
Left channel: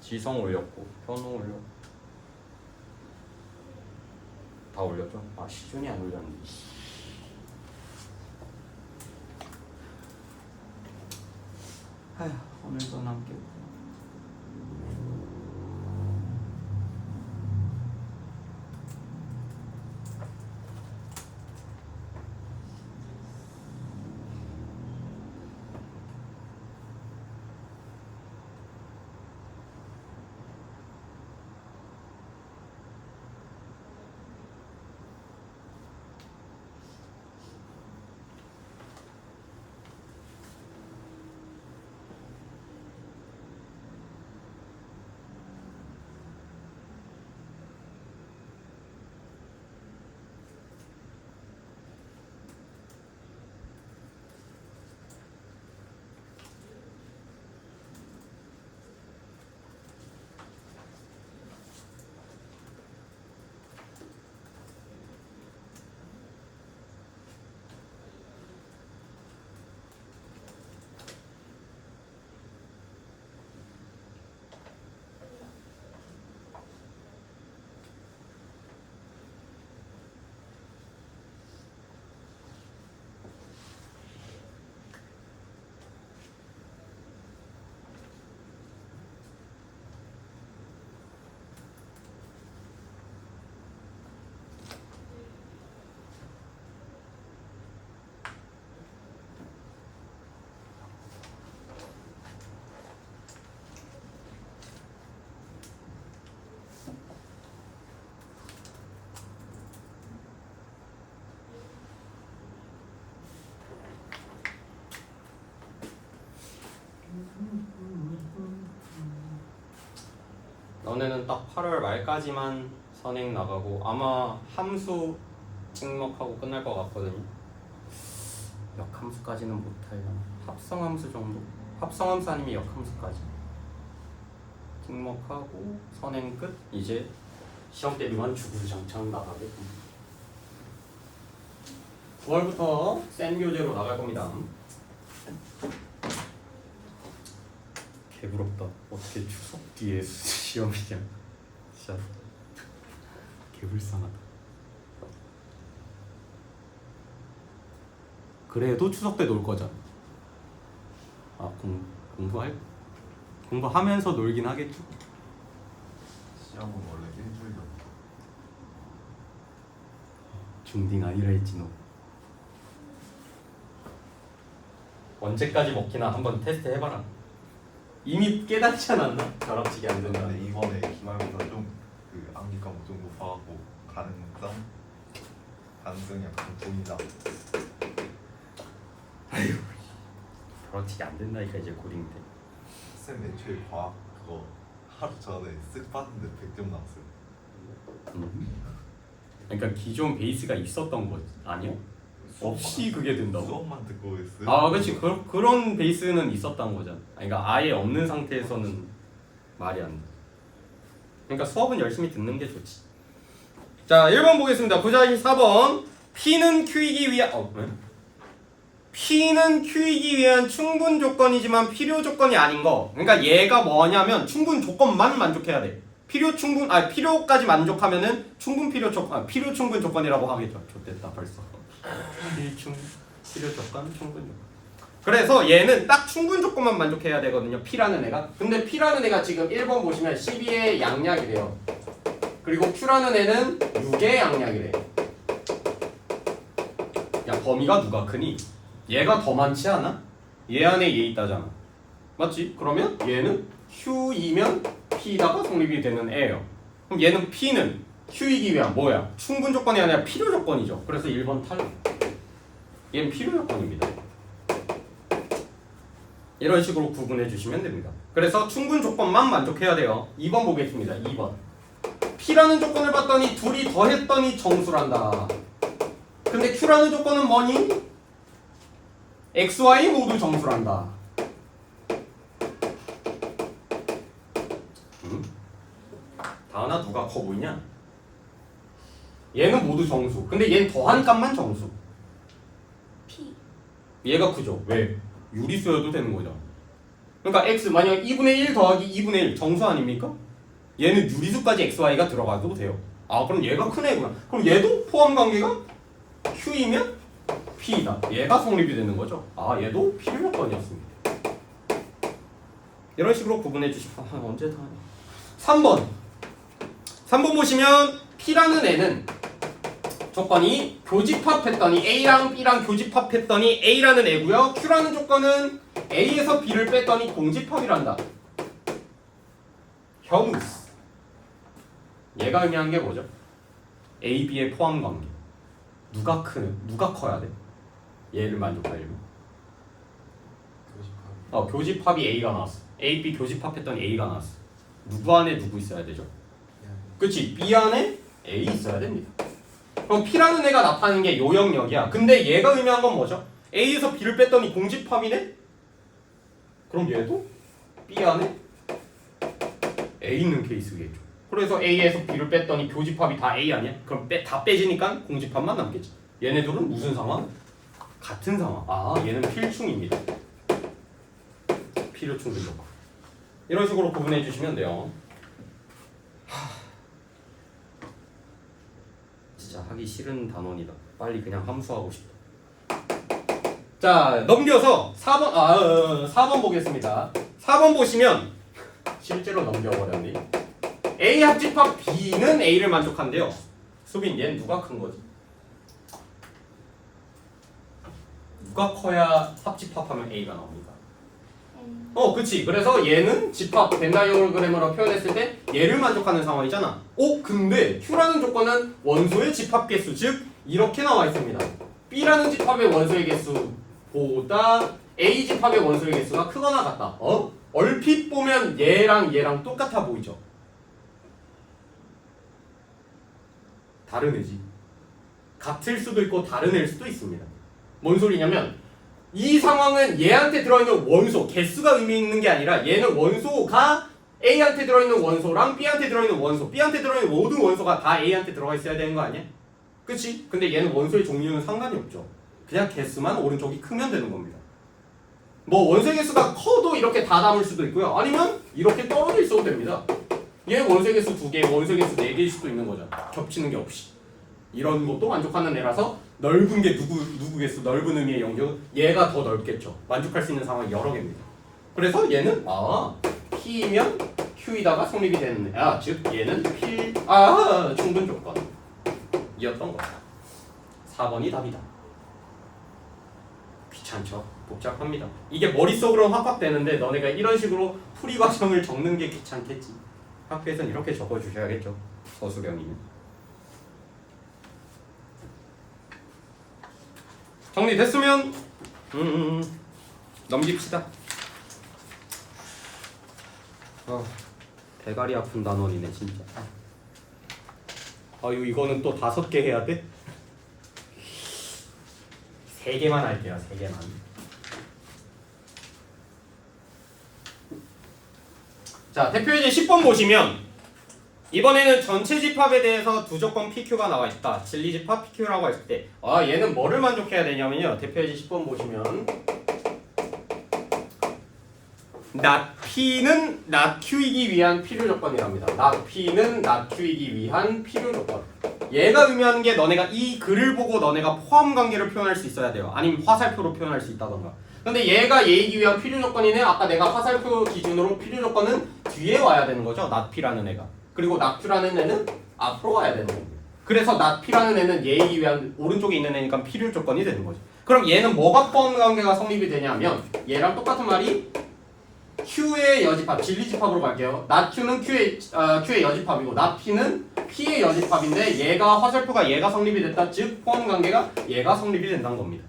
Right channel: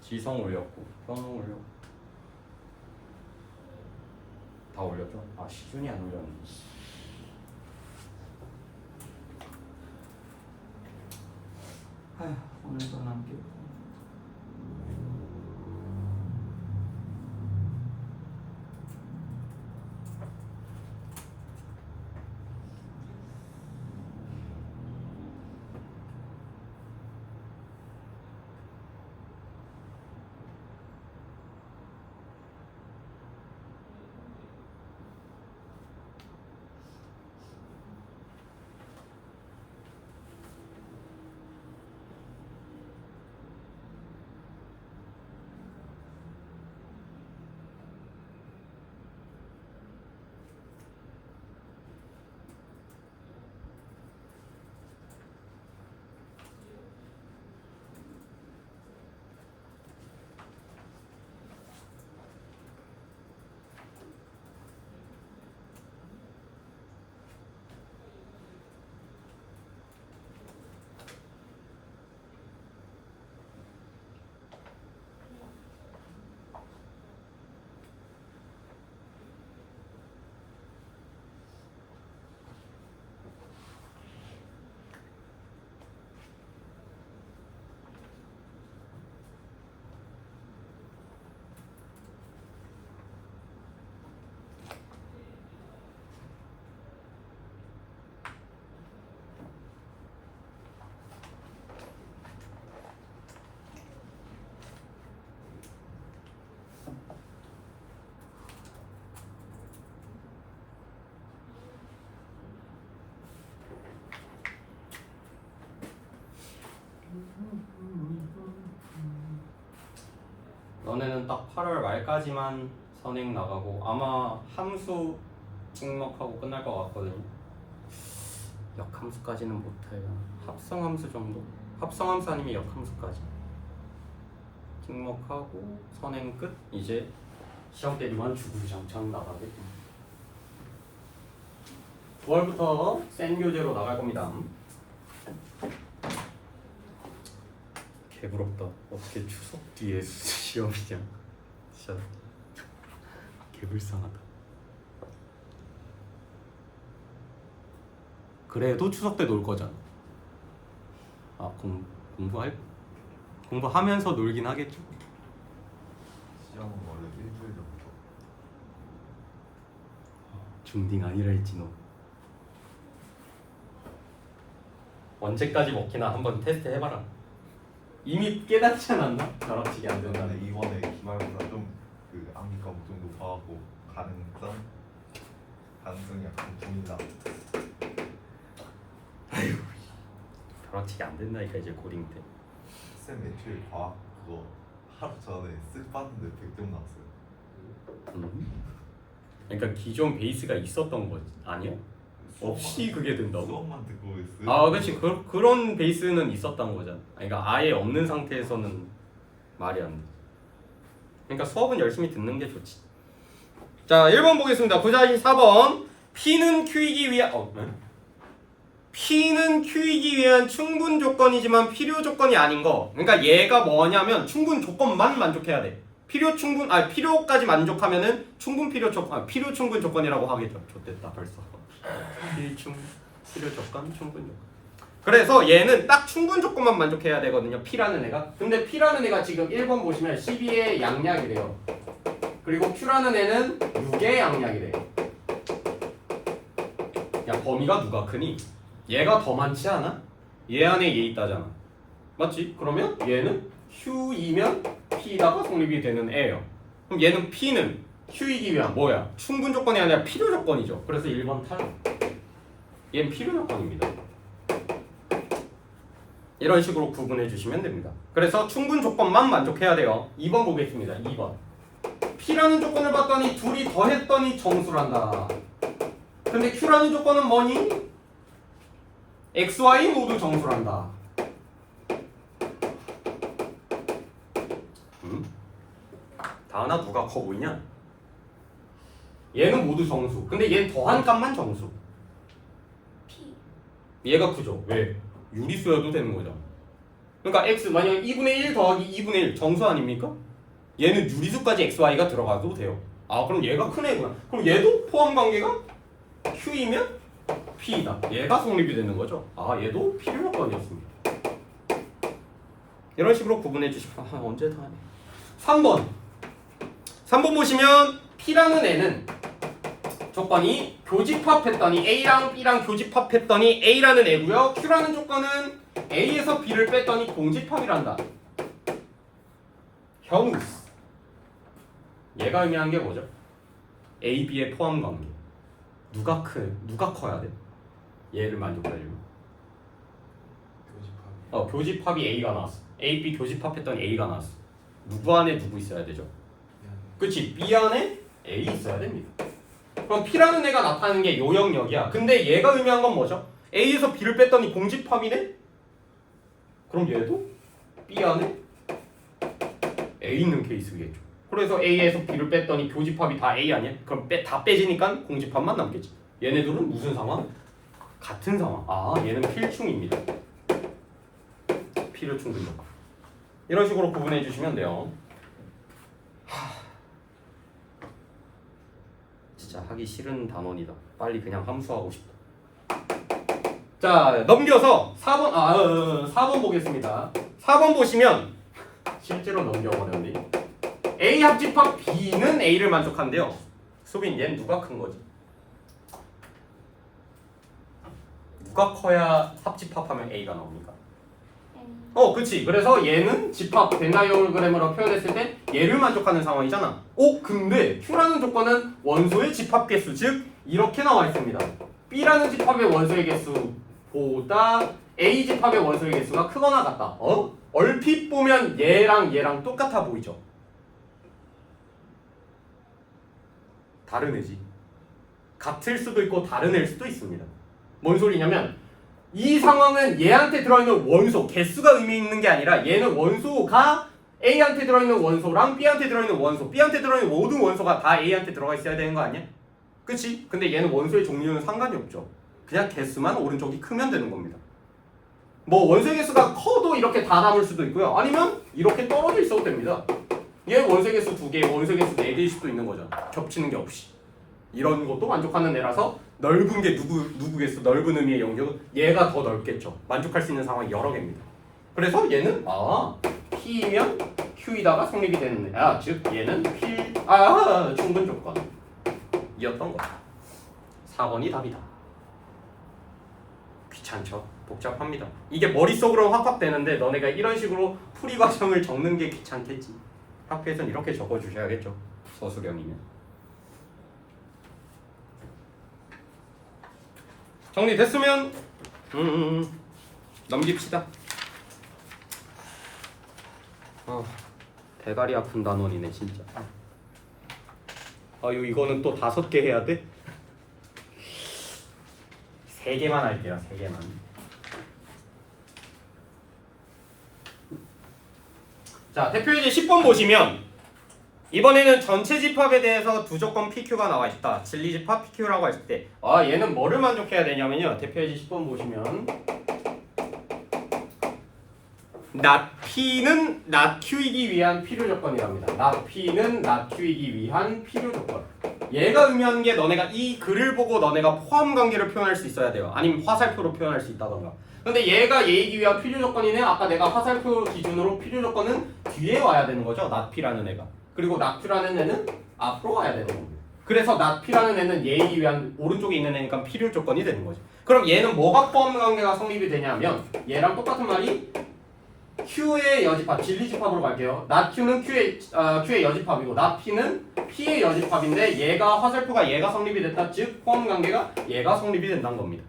지성 올렸고 현우 올렸고 다 올렸죠? 아, 시준이 안 올렸는데. 아휴, 오늘도 남기고. 너네는 딱 8월 말까지만 선행 나가고 아마 함수 찍먹하고 끝날 것 같거든요. 역함수까지는 못해요. 합성함수 정도? 합성함수 아니면 역함수까지 찍먹하고 선행 끝. 이제 시험 대비만 주구장창 나가게 됩니다. 9월부터 센 교재로 나갈 겁니다. 개부럽다. 어떻게 추석 뒤에 시험이냐. 진짜 개불쌍하다. 그래도 추석 때 놀 거잖아. 아, 공부하면서 놀긴 하겠죠. 시험은 원래 일주일도 중딩 아니라 했지 너. 언제까지 먹히나 한번 테스트 해봐라. 이미 깨닫지 않았나? 저락치기 안 된다. 근데 이번에 기말부터 좀그 암기 과목 좀 높아하고 가능성이 약간 줍니다. 아유, 저락치기 안 된다니까 이제 고딩 때. 쌤 매출 과학 그거 하루 전에 쓱 봤는데 100점 나왔어요. 그러니까 기존 베이스가 있었던 거 아니야? 없이 그게 된다고? 수업만 듣고 있어요. 아, 그렇지. 그런 베이스는 있었던 거잖아. 그러니까 아예 없는 상태에서는 말이 안 돼. 그러니까 수업은 열심히 듣는 게 좋지. 자, 1번 보겠습니다. 부자식 4번. P는 Q이기 위한 P는 Q이기 위한 충분 조건이지만 필요 조건이 아닌 거. 그러니까 얘가 뭐냐면 충분 조건만 만족해야 돼. 필요까지 만족하면은 필요 충분 조건이라고 하겠죠. 좋됐다 벌써. 필요 조건, 충분 조건. 그래서 얘는 딱 충분 조건만 만족해야 되거든요. P라는 애가. 근데 P라는 애가 지금 1번 보시면 12의 양약이 돼요. 그리고 Q라는 애는 6의 양약이 돼요. 야, 범위가 누가 크니? 얘가 더 많지 않아? 얘 안에 얘 있다잖아. 맞지? 그러면 얘는 Q이면 P다가 성립이 되는 애예요. 그럼 얘는 P는 Q이기 위한 뭐야? 충분 조건이 아니라 필요 조건이죠. 그래서 1번 탈락. 얘는 필요 조건입니다. 이런 식으로 구분해 주시면 됩니다. 그래서 충분 조건만 만족해야 돼요. 2번 보겠습니다. 2번. P라는 조건을 봤더니 둘이 더했더니 정수란다. 근데 Q라는 조건은 뭐니? X, Y 모두 정수란다. 다하나 누가 커 보이냐? 얘는 모두 정수. 근데 얘는 더한 값만 정수. P. 얘가 크죠? 왜? 유리수여도 되는 거죠. 그러니까 X 만약 2분의 1 더하기 2분의 1 정수 아닙니까? 얘는 유리수까지 XY가 들어가도 돼요. 아 그럼 얘가 큰 애구나. 그럼 얘도 포함 관계가 Q이면 P이다. 얘가 성립이 되는 거죠. 아 얘도 필요 조건이었습니다. 이런 식으로 구분해 주시면 언제 다 하네. 3번 보시면 P라는 애는 조건이 교집합했더니 A랑 B랑 교집합했더니 A라는 애고요. Q라는 조건은 A에서 B를 뺐더니 공집합이란다. 형스. 얘가 의미한 게 뭐죠? A, B의 포함 관계. 누가 커야 돼? 얘를 만족하려면. 교집합이 A가 나왔어. A, B 교집합했더니 A가 나왔어. 누구 안에 누구 있어야 되죠? 그치? B 안에 A 있어야 됩니다. 그럼 P라는 애가 나타나는 게 요 영역이야. 근데 얘가 의미한 건 뭐죠? A에서 B를 뺐더니 공집합이네? 그럼 얘도 B 안에 A 있는 케이스겠죠. 그래서 A에서 B를 뺐더니 교집합이 다 A 아니야? 그럼 다 빼지니까 공집합만 남겠지. 얘네들은 무슨 상황? 같은 상황. 아 얘는 필충입니다. 필요충 근력. 이런 식으로 구분해 주시면 돼요. 진짜 하기 싫은 단원이다. 빨리 그냥 함수하고 싶다. 자 넘겨서 4번 보겠습니다. 4번 보시면 실제로 넘겨버렸네. A 합집합 B는 A를 만족한대요. 수빈 얘는 누가 큰 거지? 누가 커야 합집합하면 A가 나옵니까? 그치. 그래서 얘는 집합 벤다이어그램으로 표현했을 때 얘를 만족하는 상황이잖아. 근데 Q라는 조건은 원소의 집합 개수, 즉 이렇게 나와 있습니다. B라는 집합의 원소의 개수보다 A 집합의 원소의 개수가 크거나 같다. 얼핏 보면 얘랑 똑같아 보이죠? 다른 애지. 같을 수도 있고 다른 애일 수도 있습니다. 뭔 소리냐면 이 상황은 얘한테 들어있는 원소, 개수가 의미 있는 게 아니라 얘는 원소가 A한테 들어있는 원소랑 B한테 들어있는 원소, B한테 들어있는 모든 원소가 다 A한테 들어가 있어야 되는 거 아니야? 그치? 근데 얘는 원소의 종류는 상관이 없죠. 그냥 개수만 오른쪽이 크면 되는 겁니다. 뭐 원소의 개수가 커도 이렇게 다 담을 수도 있고요. 아니면 이렇게 떨어져 있어도 됩니다. 얘 원소의 개수 2개, 원소의 개수 4개일 수도 있는 거죠. 겹치는 게 없이. 이런 것도 만족하는 애라서 넓은 게 누구겠어? 넓은 의미의 영역. 얘가 더 넓겠죠. 만족할 수 있는 상황이 여러 개입니다. 그래서 얘는 P면 Q이다가 성립이 되는 애. 즉 얘는 충분 조건 이었던 거. 4번이 답이다. 귀찮죠? 복잡합니다. 이게 머릿속으로 확확되는데 너네가 이런 식으로 풀이 과정을 적는 게 귀찮겠지. 학교에서는 이렇게 적어주셔야겠죠. 서술형이는. 정리됐으면 넘깁시다. 대가리 아픈 단원이네 진짜. 이거는 또 5개 해야 돼? 3개만 할게요. 3개만. 자, 대표예제 10번 보시면 이번에는 전체 집합에 대해서 두 조건 PQ가 나와 있다. 진리 집합 PQ라고 했을 때 얘는 뭐를 만족해야 되냐면요. 대표예제 10번 보시면 not P는 not Q이기 위한 필요 조건이랍니다. not P는 not Q이기 위한 필요 조건. 얘가 의미하는 게 너네가 이 글을 보고 너네가 포함 관계를 표현할 수 있어야 돼요. 아니면 화살표로 표현할 수 있다던가. 근데 얘가 얘이기 위한 필요 조건이네. 아까 내가 화살표 기준으로 필요 조건은 뒤에 와야 되는 거죠. not P라는 애가. 그리고 not Q라는 애는 앞으로 와야 되는 겁니다. 그래서 not P라는 애는 얘이기 위한 오른쪽에 있는 애니까 필요 조건이 되는 거죠. 그럼 얘는 뭐가 포함 관계가 성립이 되냐면 얘랑 똑같은 말이 Q의 여집합, 진리 집합으로 갈게요. not Q는 Q의 여집합이고 not P는 P의 여집합인데 얘가 화살표가 얘가 성립이 됐다. 즉 포함 관계가 얘가 성립이 된다는 겁니다.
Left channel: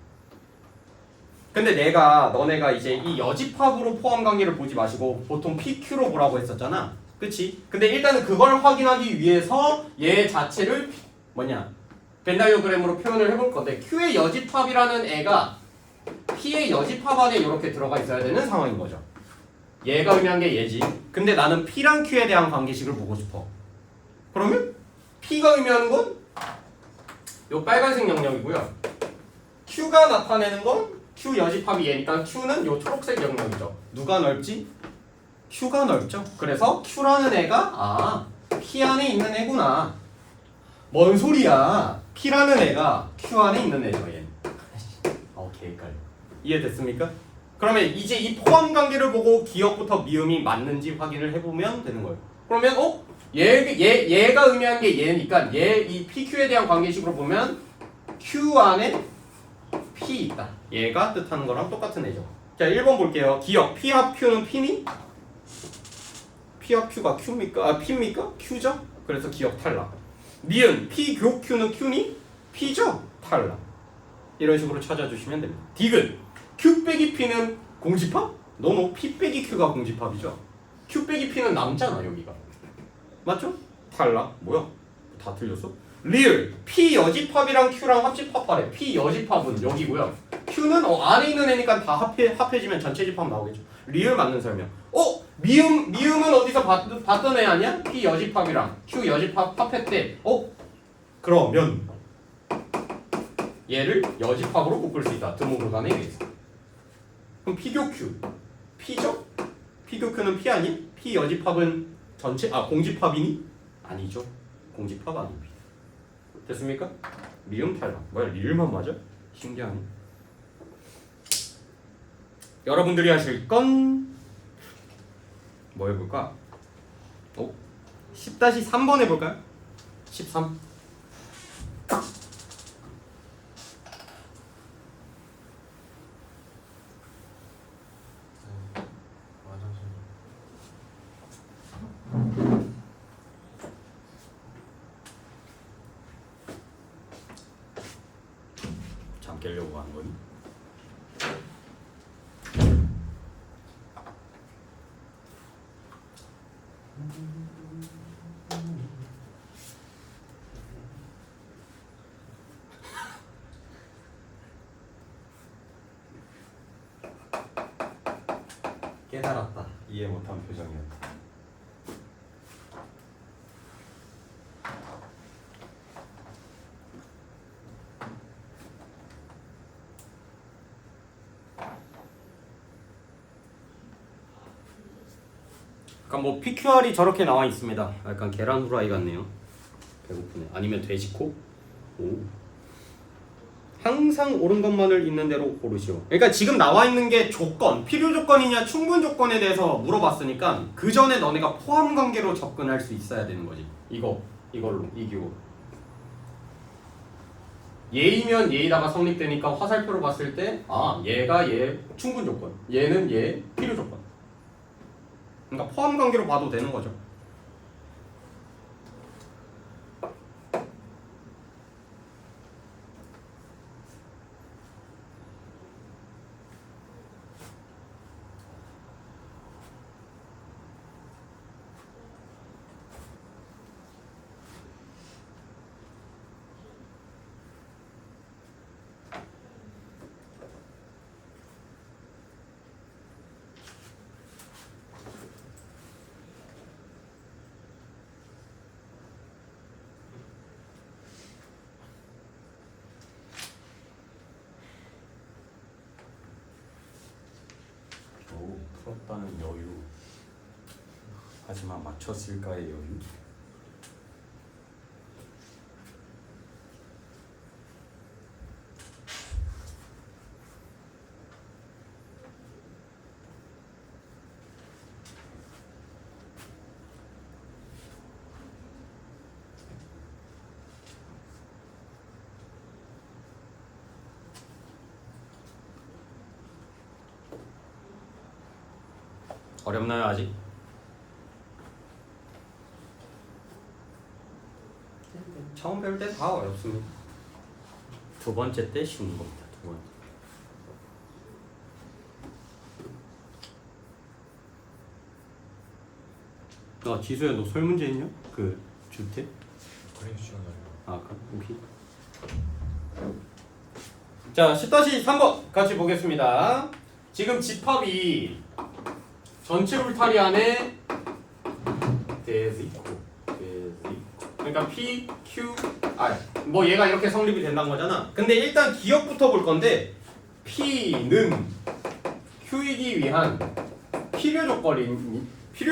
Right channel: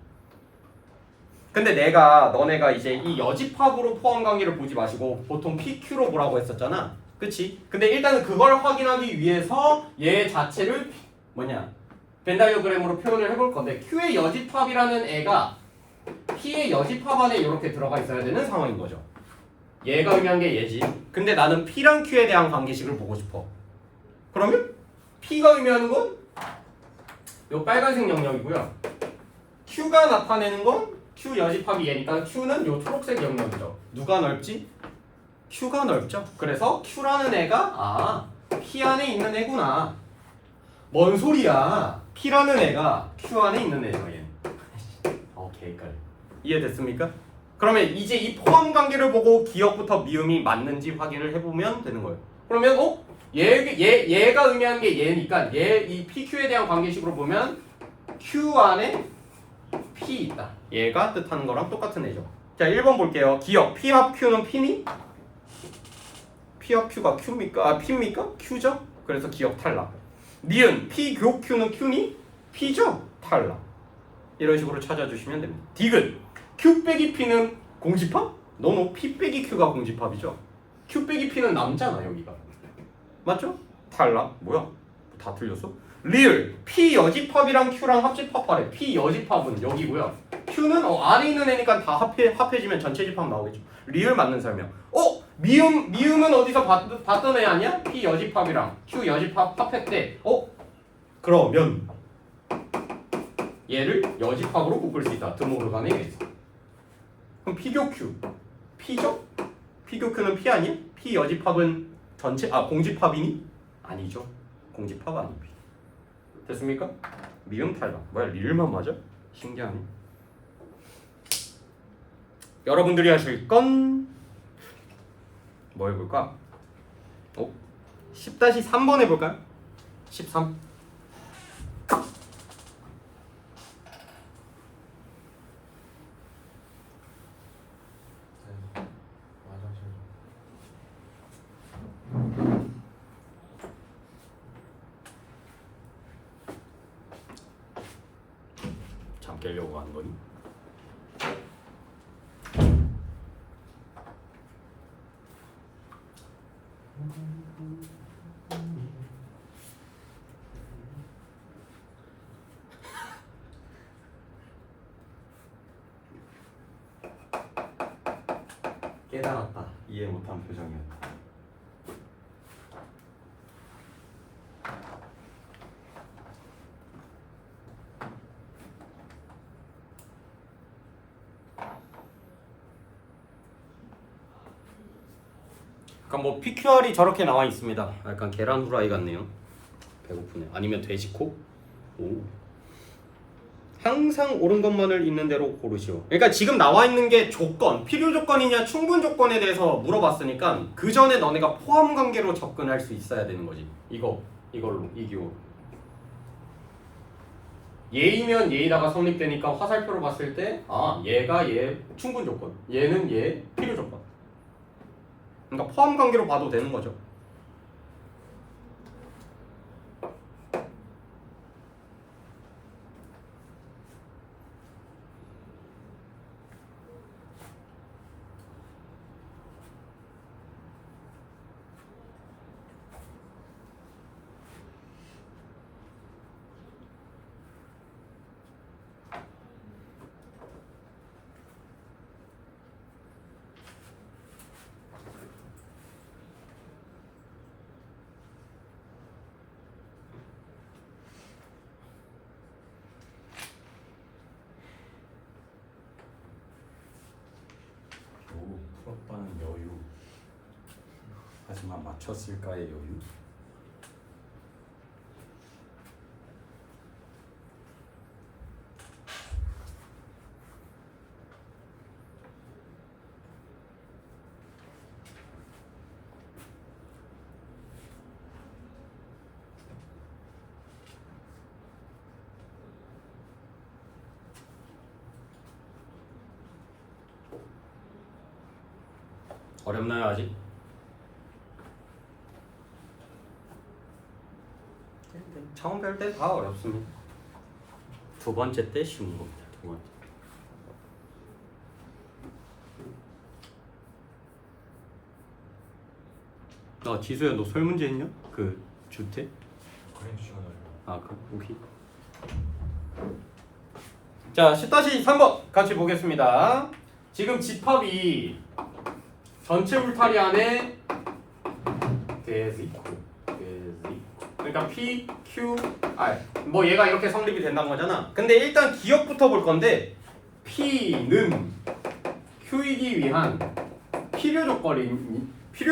근데 너네가 이제 이 여집합으로 포함 관계를 보지 마시고 보통 PQ로 보라고 했었잖아. 그치? 근데 일단은 그걸 확인하기 위해서 얘 자체를 벤다이어그램으로 표현을 해볼 건데 Q의 여집합이라는 애가 P의 여집합 안에 이렇게 들어가 있어야 되는 상황인 거죠. 얘가 의미한 게 얘지. 근데 나는 P랑 Q에 대한 관계식을 보고 싶어. 그러면 P가 의미하는 건 요 빨간색 영역이고요. Q가 나타내는 건 Q 여집합이 얘니까 Q는 요 초록색 영역이죠. 누가 넓지? Q가 넓죠. 그래서 Q라는 애가 P 안에 있는 애구나. 뭔 소리야? P라는 애가 Q 안에 있는 애죠. 얘는. 오케이, 헷갈려. 이해됐습니까? 그러면 이제 이 포함 관계를 보고 기억부터 미음이 맞는지 확인을 해보면 되는 거예요. 그러면 얘가 의미하는 게 얘니까 이 PQ에 대한 관계식으로 보면 Q 안에 P 있다. 얘가 뜻하는 거랑 똑같은 애죠. 자, 1번 볼게요. 기억 P 합 Q는 P니? P 합 Q가 Q입니까? P입니까? Q죠? 그래서 기억 탈락. 니은 P 교 Q는 Q니? P죠? 탈락. 이런 식으로 찾아주시면 됩니다. 디귿 Q 빼기 P는 공집합? 노노 P 빼기 Q가 공집합이죠. Q 빼기 P는 남잖아 여기가. 맞죠? 탈락. 뭐야? 다 틀렸어? 리을 P 여집합이랑 Q랑 합집합하래. P 여집합은 여기고요. Q는 안에 있는 애니까 다 합해지면 전체 집합 나오겠죠. 리을 맞는 설명. 미음은 어디서 봤던 애 아니야? P 여집합이랑 Q 여집합 합했대. 그러면 얘를 여집합으로 묶을 수 있다. 드모르간에 의해서. 그럼 P교 Q P죠? P교 Q는 P 아니야? P 여집합은 전체 공집합이니? 아니죠. 공집합 아닙니다. 됐습니까? 미음 탈락. 뭐야 리을만 맞아? 신기하네. 여러분들이 하실 건 뭐 해볼까? 10-3번 해볼까요? 13. 잠 깨려고 하는 거니? 깨달았다. 이해 못한 표정이었다. 약간 뭐 PQR이 저렇게 나와 있습니다. 약간 계란 후라이 같네요. 배고프네. 아니면 돼지코? 항상 옳은 것만을 있는 대로 고르시오. 그러니까 지금 나와 있는 게 조건, 필요 조건이냐 충분 조건에 대해서 물어봤으니까 그 전에 너네가 포함 관계로 접근할 수 있어야 되는 거지. 이걸로 이 기호. 얘이면 얘이다가 성립되니까 화살표로 봤을 때 얘가 얘 충분 조건, 얘는 얘 필요 조건. 그러니까 포함 관계로 봐도 되는 거죠. 풀었다는 여유. 하지만 맞췄을까의 여유. 어렵나요 아직? 처음 뵐 때 다 어렵습니다. 두 번째 때 쉬운 겁니다. 두 번째. 지수야 너 설문제 했냐? 그 주택? 그래 시간이. 아 그럼 오케이. 자 10-3번 같이 보겠습니다. 지금 집합이 전체 울타리 안에 그러니까 P, Q, R 뭐 얘가 이렇게 성립이 된다는 거잖아. 근데 일단 기억부터 볼 건데 P는 Q이기 위한 필요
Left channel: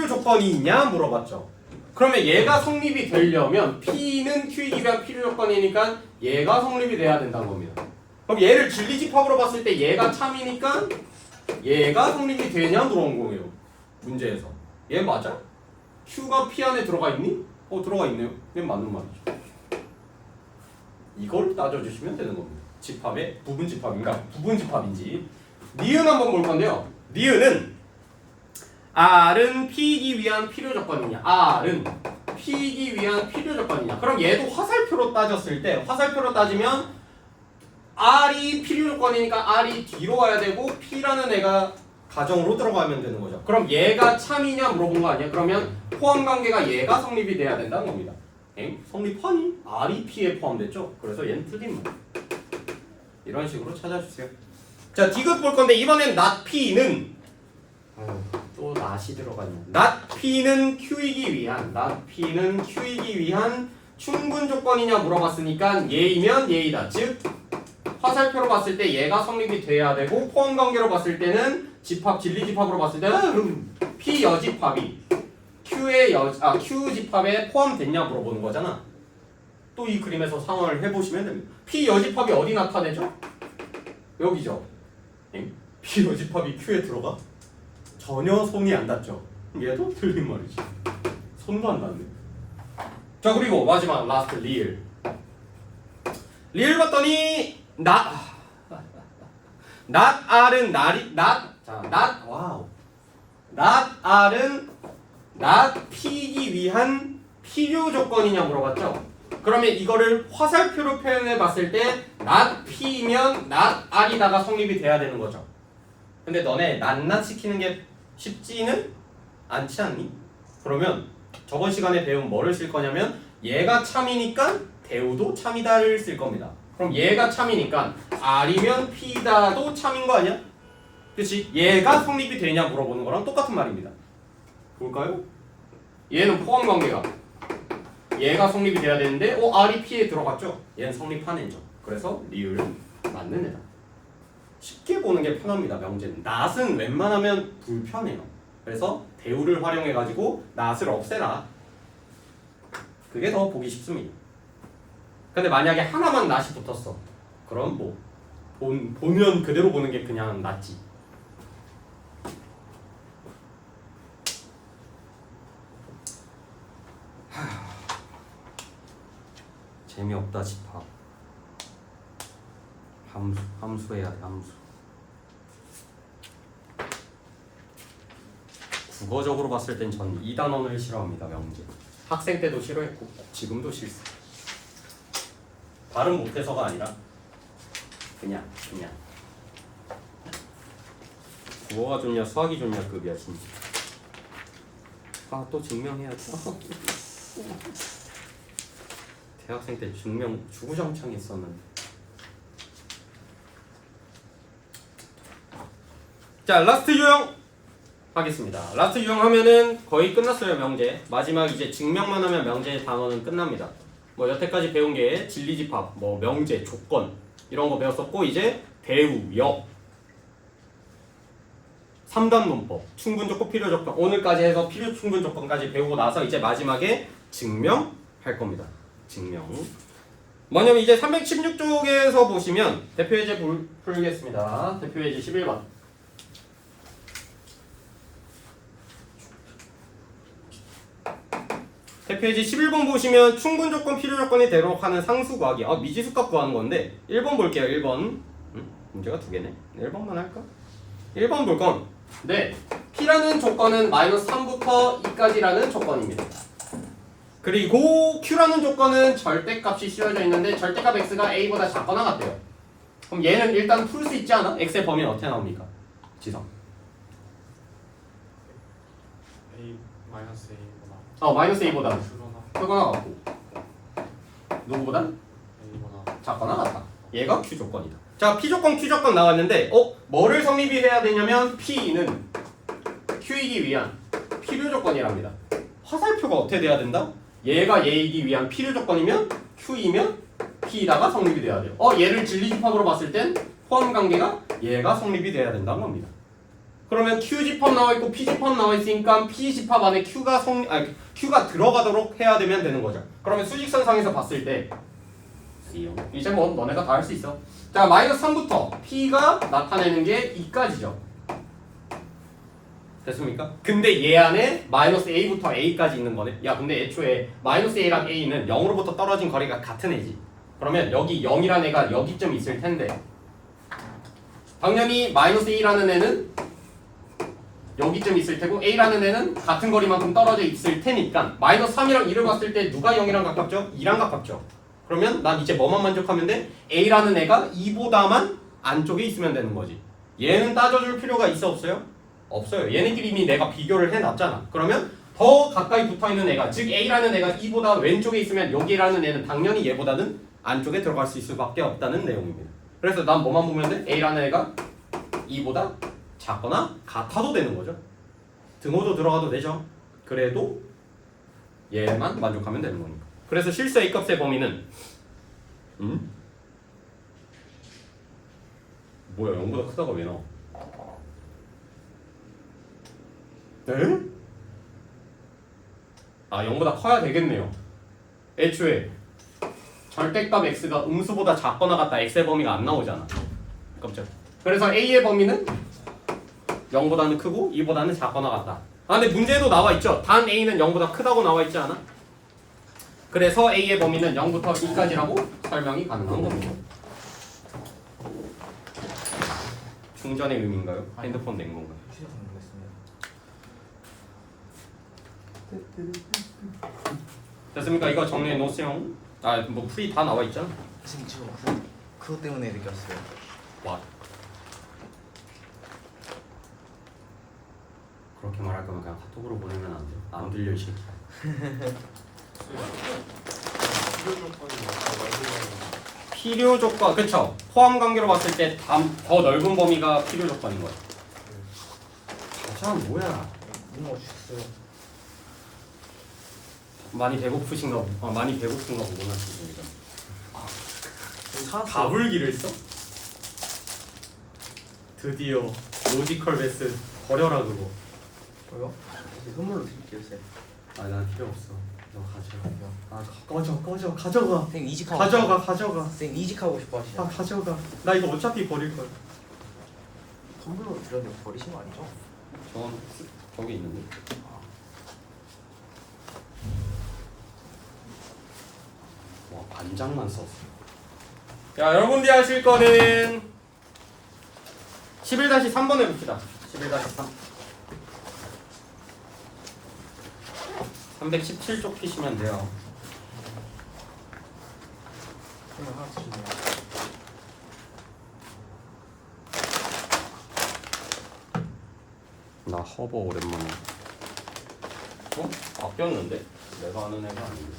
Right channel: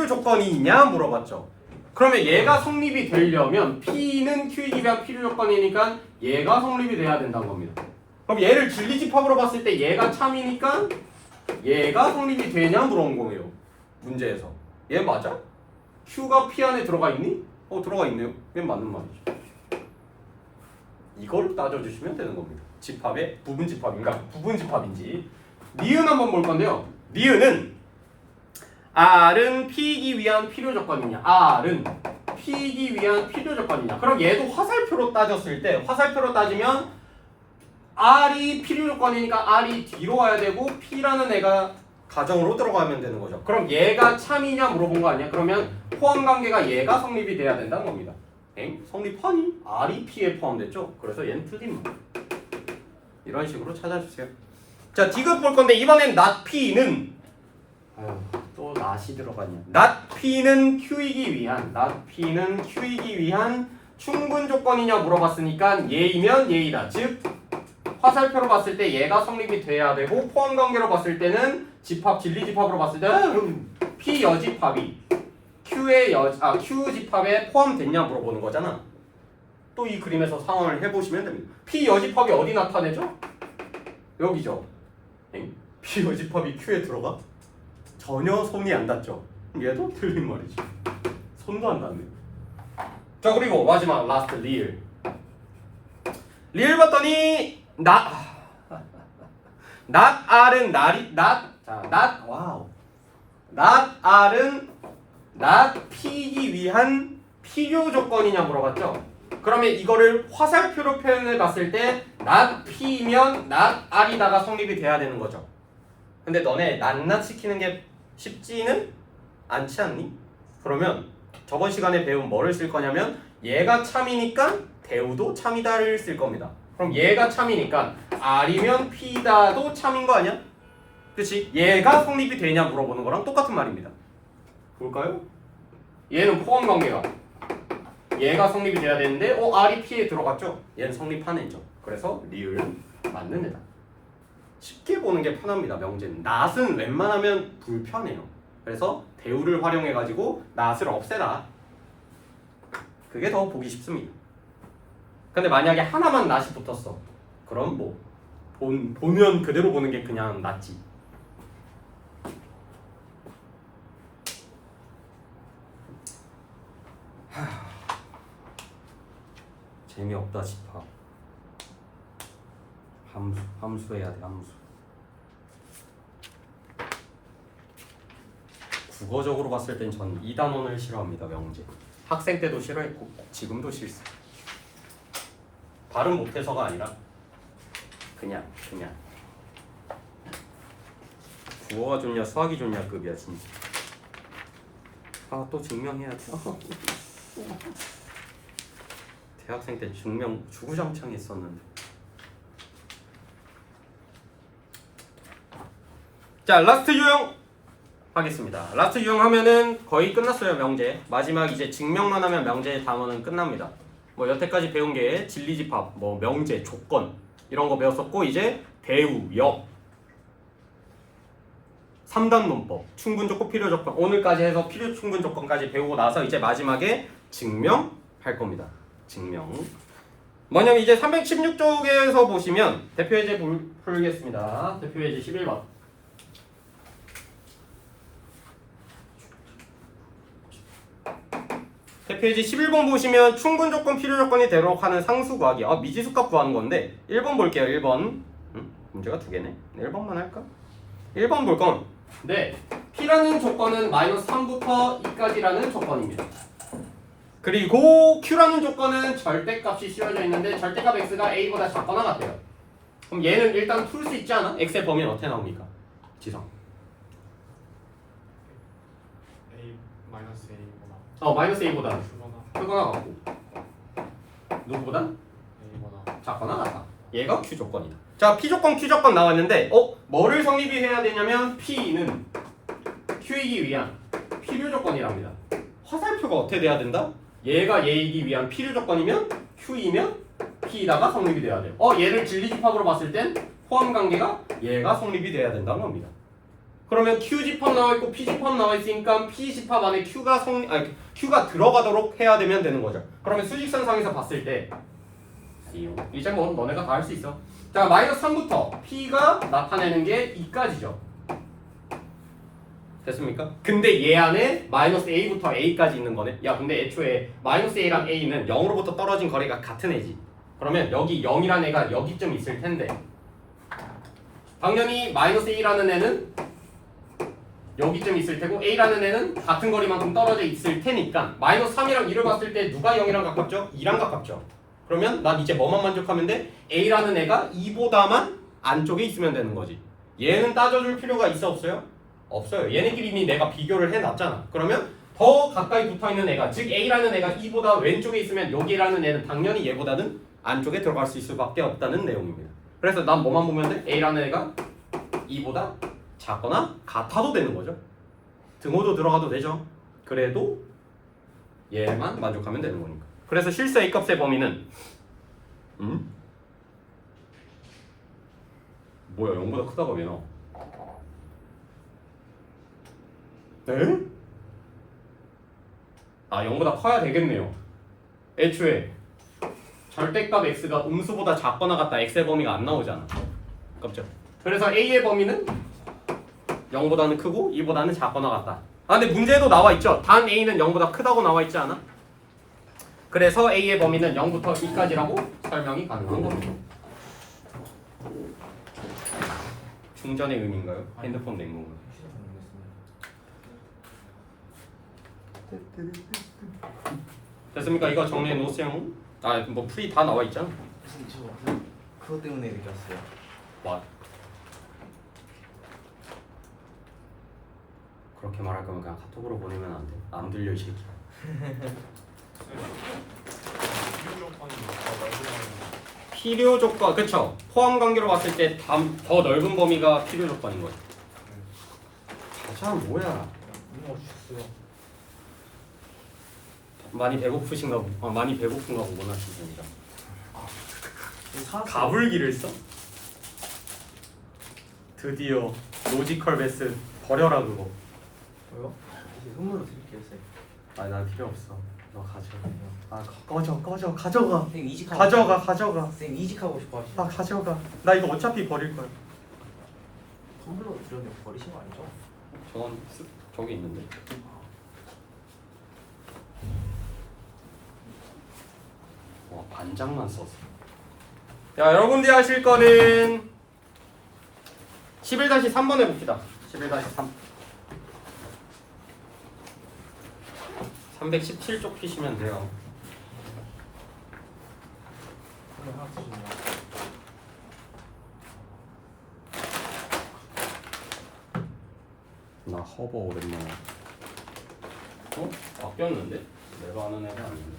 조건이 있냐 물어봤죠. 그러면 얘가 성립이 되려면 P는 Q이기 위한 필요 조건이니까 얘가 성립이 돼야 된다는 겁니다. 그럼 얘를 진리집합으로 봤을 때 얘가 참이니까 얘가 성립이 되냐 물어본 거예요. 문제에서. 얘 맞아? Q가 P 안에 들어가 있니? 들어가 있네요. 얘 맞는 말이죠. 이걸 따져주시면 되는 겁니다. 집합의 부분집합인가? 부분집합인지. 니은 한번 볼 건데요. 니은은 R은 P이기 위한 필요 조건이냐? R은 P이기 위한 필요 조건이냐? 그럼 얘도 화살표로 따졌을 때 화살표로 따지면 R이 필요 조건이니까 R이 뒤로 와야 되고 P라는 애가 가정으로 들어가면 되는 거죠. 그럼 얘가 참이냐 물어본 거 아니야? 그러면 포함 관계가 얘가 성립이 돼야 된다는 겁니다. 성립하니? R이 P에 포함됐죠? 그래서 얘는 틀린 말. 이런 식으로 찾아주세요. 자, 디귿 볼 건데 이번엔 not P는 또 not이 들어가냐? not P는 Q이기 위한 충분 조건이냐 물어봤으니까 얘이면 얘이다. 즉 화살표로 봤을 때 얘가 성립이 돼야 되고 포함 관계로 봤을 때는 진리 집합으로 봤을 때는 P 여집합이 Q 집합에 포함됐냐 물어보는 거잖아. 또 이 그림에서 상황을 해보시면 됩니다. P 여집합이 어디 나타내죠? 여기죠. P 여집합이 Q에 들어가? 전혀 손이 안 닿죠. 얘도 틀린 말이지. 손도 안 닿네. 자 그리고 마지막 라스트 리을. 리을 봤더니 not R은 not R은 not P이기 위한 필요 조건이냐 물어봤죠. 그러면 이거를 화살표로 표현해 봤을 때 not P면 not R이다가 성립이 돼야 되는 거죠. 근데 너네 not 시키는 게 쉽지는 않지 않니? 그러면 저번 시간에 배운 뭐를 쓸 거냐면 얘가 참이니까 대우도 참이다를 쓸 겁니다. 그럼 얘가 참이니까 R이면 P다도 참인 거 아니야? 그치? 얘가 성립이 되냐 물어보는 거랑 똑같은 말입니다. 볼까요? 얘는 포함 관계가 얘가 성립이 돼야 되는데 R이 P에 들어갔죠? 얘는 성립한 애죠. 그래서 리을은 맞는 애다. 쉽게 보는 게 편합니다. 명제는. not은 웬만하면 불편해요. 그래서 대우를 활용해가지고 not을 없애라. 그게 더 보기 쉽습니다. 근데 만약에 하나만 not이 붙었어. 그럼 뭐 보면 그대로 보는 게 그냥 낫지. 재미없다 집합. 함수 해야 돼. 함수. 국어적으로 봤을 땐 전 이 단원을 싫어합니다. 명제. 학생 때도 싫어했고 지금도 싫어. 발음 못해서가 아니라 그냥 국어가 좋냐 수학이 좋냐 급이야 진짜. 또 증명해야 돼. 대학생 때 증명 주구장창 했었는데. 자 라스트 유형 하겠습니다. 라스트 유형 하면은 거의 끝났어요. 명제. 마지막 이제 증명만 하면 명제 단원은 끝납니다. 뭐 여태까지 배운 게 진리집합, 뭐 명제, 조건 이런 거 배웠었고 이제 대우, 역, 3단 문법, 충분조건, 필요조건 오늘까지 해서 필요 충분조건까지 배우고 나서 이제 마지막에 증명할 겁니다. 증명. 뭐냐면 이제 316쪽에서 보시면 대표예제 풀겠습니다. 대표예제 11번. 대표예제 11번 보시면 충분조건, 필요조건이 되도록 하는 상수구하기. 미지수값 구하는 건데 1번 볼게요. 1번. 문제가 두 개네. 1번만 할까? 1번 볼 건 네, P라는 조건은 -3부터 2까지라는 조건입니다. 그리고 Q라는 조건은 절대값이 씌워져 있는데 절대값 X가 A보다 작거나 같대요. 그럼 얘는 일단 풀 수 있지 않아? X의 범위는 어떻게 나옵니까? 지성. A 마이너스 A보다 마이너스 A보다 크거나 크거나 같고 누구보단 A보다 작거나 같다. 얘가 Q 조건이다. 자, P 조건, Q 조건 나왔는데 뭐를 성립이 해야 되냐면 P는 Q이기 위한 필요 조건이랍니다. 화살표가 어떻게 돼야 된다? 얘가 얘이기 위한 필요 조건이면 Q이면 P다가 성립이 돼야 돼요. 얘를 진리집합으로 봤을 땐 포함 관계가 얘가 성립이 돼야 된다는 겁니다. 그러면 Q집합 나와 있고 P집합 나와 있으니까 P집합 안에 Q가 들어가도록 해야 되면 되는 거죠. 그러면 수직선상에서 봤을 때 이제 뭐 너네가 다 할 수 있어. 자, 마이너스 3부터 P가 나타내는 게 2까지죠. 됐습니까? 근데 얘 안에 마이너스 A부터 A까지 있는 거네. 야, 근데 애초에 마이너스 A랑 A는 0으로부터 떨어진 거리가 같은 애지. 그러면 여기 0이라는 애가 여기쯤 있을 텐데 당연히 마이너스 A라는 애는 여기쯤 있을 테고 A라는 애는 같은 거리만큼 떨어져 있을 테니까 마이너스 3이랑 2를 봤을 때 누가 0이랑 가깝죠? 2랑 가깝죠. 그러면 난 이제 뭐만 만족하면 돼? A라는 애가 2보다만 안쪽에 있으면 되는 거지. 얘는 따져줄 필요가 있어 없어요? 없어요. 얘네끼리 이미 내가 비교를 해놨잖아. 그러면 더 가까이 붙어있는 애가 즉 A라는 애가 2보다 왼쪽에 있으면 여기라는 애는 당연히 얘보다는 안쪽에 들어갈 수 있을 수밖에 없다는 내용입니다. 그래서 난 뭐만 보면 돼? A라는 애가 2보다 작거나 같아도 되는 거죠. 등호도 들어가도 되죠. 그래도 얘만 만족하면 되는 거니까. 그래서 실수 A값의 범위는 뭐야 0보다 크다가 왜 나와? 에? 0보다 커야 되겠네요. 애초에 절대값 x가 음수보다 작거나 같다 x의 범위가 안 나오잖아. 깜짝. 그래서 a의 범위는 0보다는 크고 2보다는 작거나 같다. 근데 문제에도 나와 있죠. 단 a는 0보다 크다고 나와 있지 않아? 그래서 a의 범위는 0부터 2까지라고 설명이 가능한 겁니다. 충전의 의미인가요? 핸드폰 냉 건가요? 됐습니까? 이거 정리해 놓으세요. 뭐 풀이 다 나와 있잖아. 선생님 그것 때문에 느꼈어요. 와. 그렇게 말할 거면 그냥 카톡으로 보내면 안 돼. 안 들려 이 새끼야. 필요 조건이 말고 필요 조건, 그쵸? 포함 관계로 봤을 때 더 넓은 범위가 필요 조건인 거죠. 가자 뭐야? 너무 멋있어요. 많이 배고프신가 많이 배고픈가 보구나 진짜. 살았어요. 가불기를 써? 드디어 로지컬 베스 버려라 그거. 뭐요? 선물로 드릴게요, 쌤. 난 필요 없어. 너 가져가. 꺼져 가져가. 선생님 이직하고 가져가. 선생님 이직하고 싶어 하시죠? 가져가. 나 이거 어차피 버릴 거야. 선물로 드렸는데 버리신 거 아니죠? 저건 저기 있는데. 와 반장만 썼어. 자 여러분들이 하실 거는 11-3번 해봅시다. 11-3 317쪽 피시면 돼요. 선물 하나 주세요. 나 허버 오랜만에. 바뀌었는데? 내가 아는 애가 아닌데.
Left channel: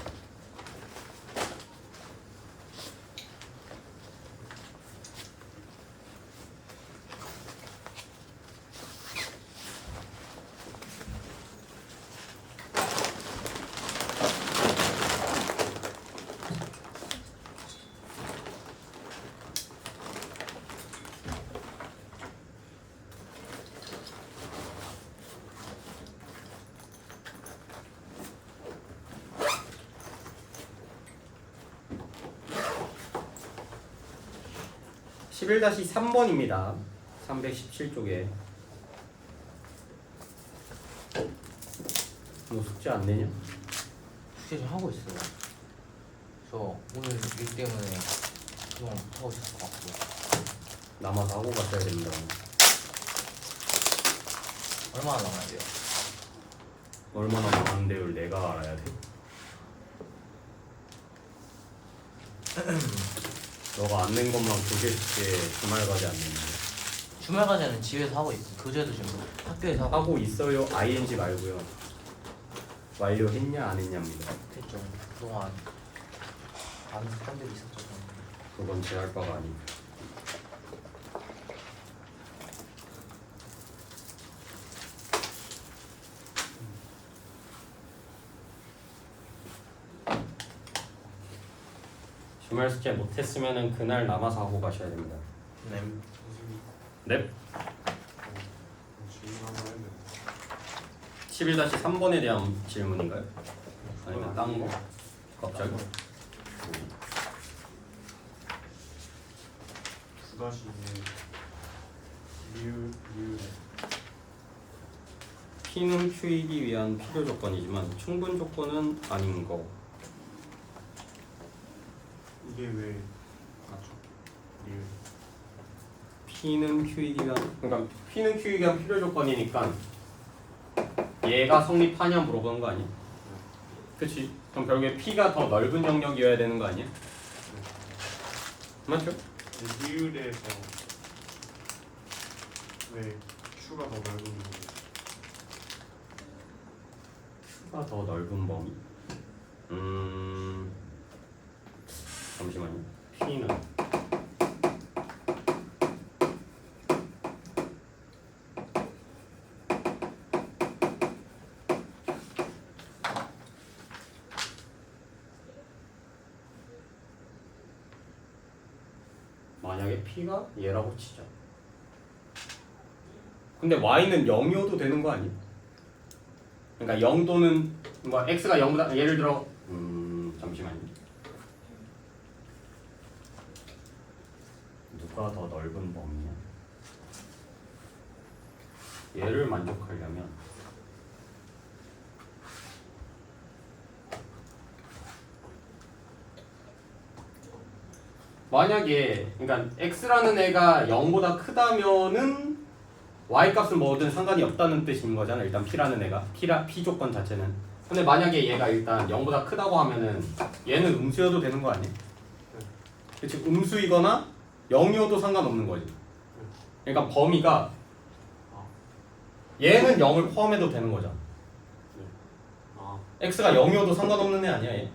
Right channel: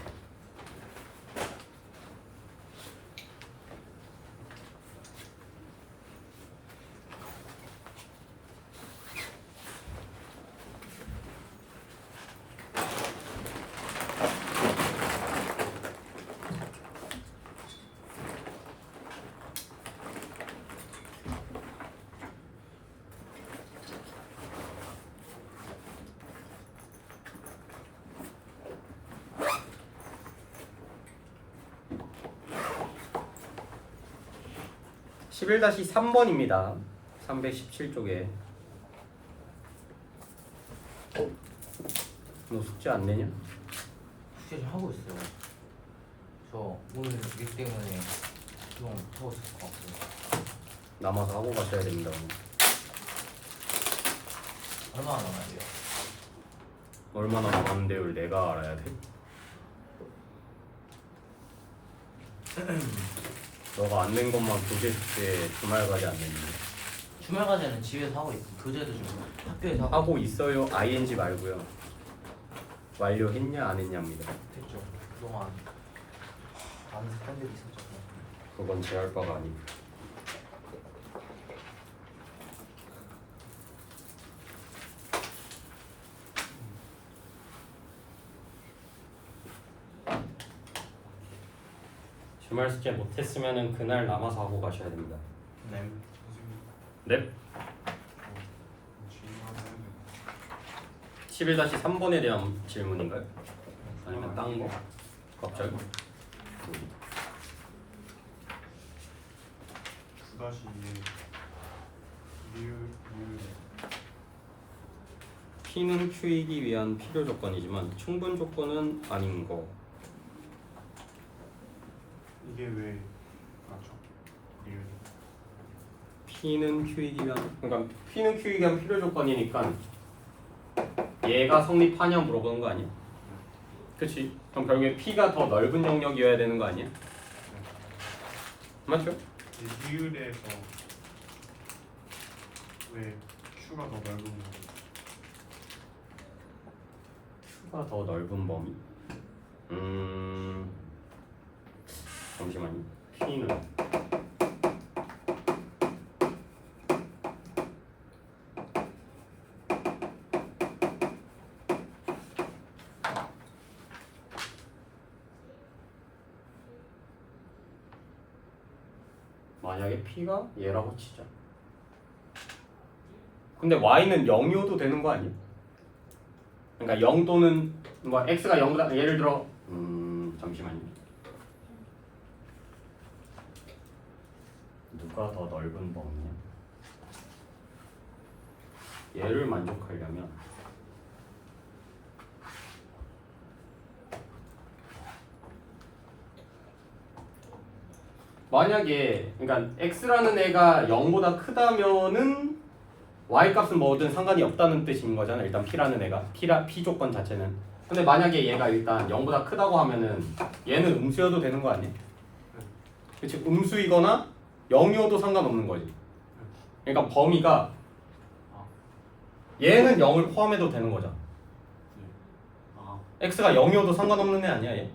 (11-3번입니다) 317쪽에 너 숙제 안 내냐? 숙제 좀 하고 있어요. 저 오늘 일 때문에 그만 하고 있을 것 같고요. 남아서 하고 가셔야 됩니다. 오늘. 얼마나 남아야 돼요? 얼마나 남았는데 를 내가 알아야 돼? 너가 안 낸 것만 교재 숙제 주말까지 안 냈는데. 주말 과제는 집에서 하고 있고 교재도 지금 학교에서 하고 하고 있어요. ing 말고요. 완료했냐 안 했냐입니다. 됐죠. 그동안 많은 사람들이 있었죠. 그건 제 할 바가 아니고. 주말 숙제 못했으면은 그날 남아서 하고 가셔야 됩니다. 네. 선생님 넵. 질문 한번 해야 돼. 11-3번에 대한 질문인가요? 아니면 딴 거? 갑자기? 9-2 리을 P는 Q이기 위한 필요 조건이지만 충분 조건은 아닌 거. 이게 왜 맞죠? 리을 P는 Q이기 위한 그러니까 P는 Q이기 위한 필요 조건이니까 얘가 성립하냐 물어보는 거 아니야? 그치? 그럼 결국에 P가 더 넓은 영역이어야 되는 거 아니야? 맞죠? 리을에서 왜 Q가 더 넓은 거? Q가 더 넓은 범위? 잠시만요. P는 만약에 P가 얘라고 치자. 근데 Y는 0이어도 되는 거 아니야? 그러니까 0 또는 뭐 X가 0보다 예를 들어 잠시만요. 누가 더 넓은 범위냐? 얘를 만족하려면 만약에 그러니까 x라는 애가 0보다 크다면은 y 값은 뭐든 상관이 없다는 뜻인 거잖아. 일단 p라는 애가 p 조건 자체는. 근데 만약에 얘가 일단 0보다 크다고 하면은 얘는 음수여도 되는 거 아니야? 그렇지. 음수이거나 0이어도 상관없는 거지. 그러니까 범위가 얘는 0을 포함해도 되는 거잖아. 아, x가 0이어도 상관없는 애 아니야 얘?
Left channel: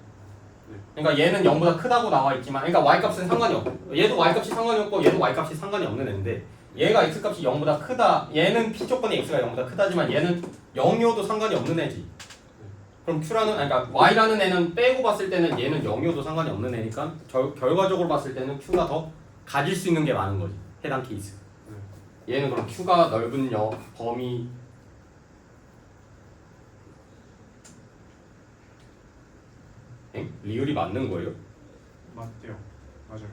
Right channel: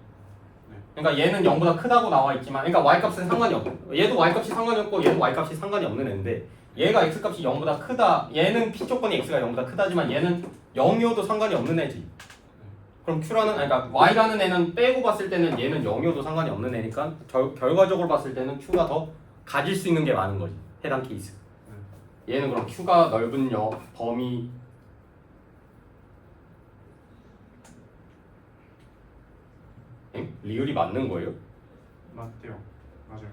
그러니까 얘는 0보다 크다고 나와 있지만 그러니까 y값은 상관이 없고 얘도 y값이 상관이 없고 얘도 y값이 상관이 없는 애인데 얘가 x값이 0보다 크다 얘는 p 조건이 x가 0보다 크다지만 얘는 0이어도 상관이 없는 애지. 그럼 q라는 그러니까 y라는 애는 빼고 봤을 때는 얘는 0이어도 상관이 없는 애니까 결과적으로 봤을 때는 q가 더 가질 수 있는 게 많은 거지. 해당 케이스. 얘는 그럼 q가 넓은 범위 리을이 맞는 거예요? 맞대요. 맞아요.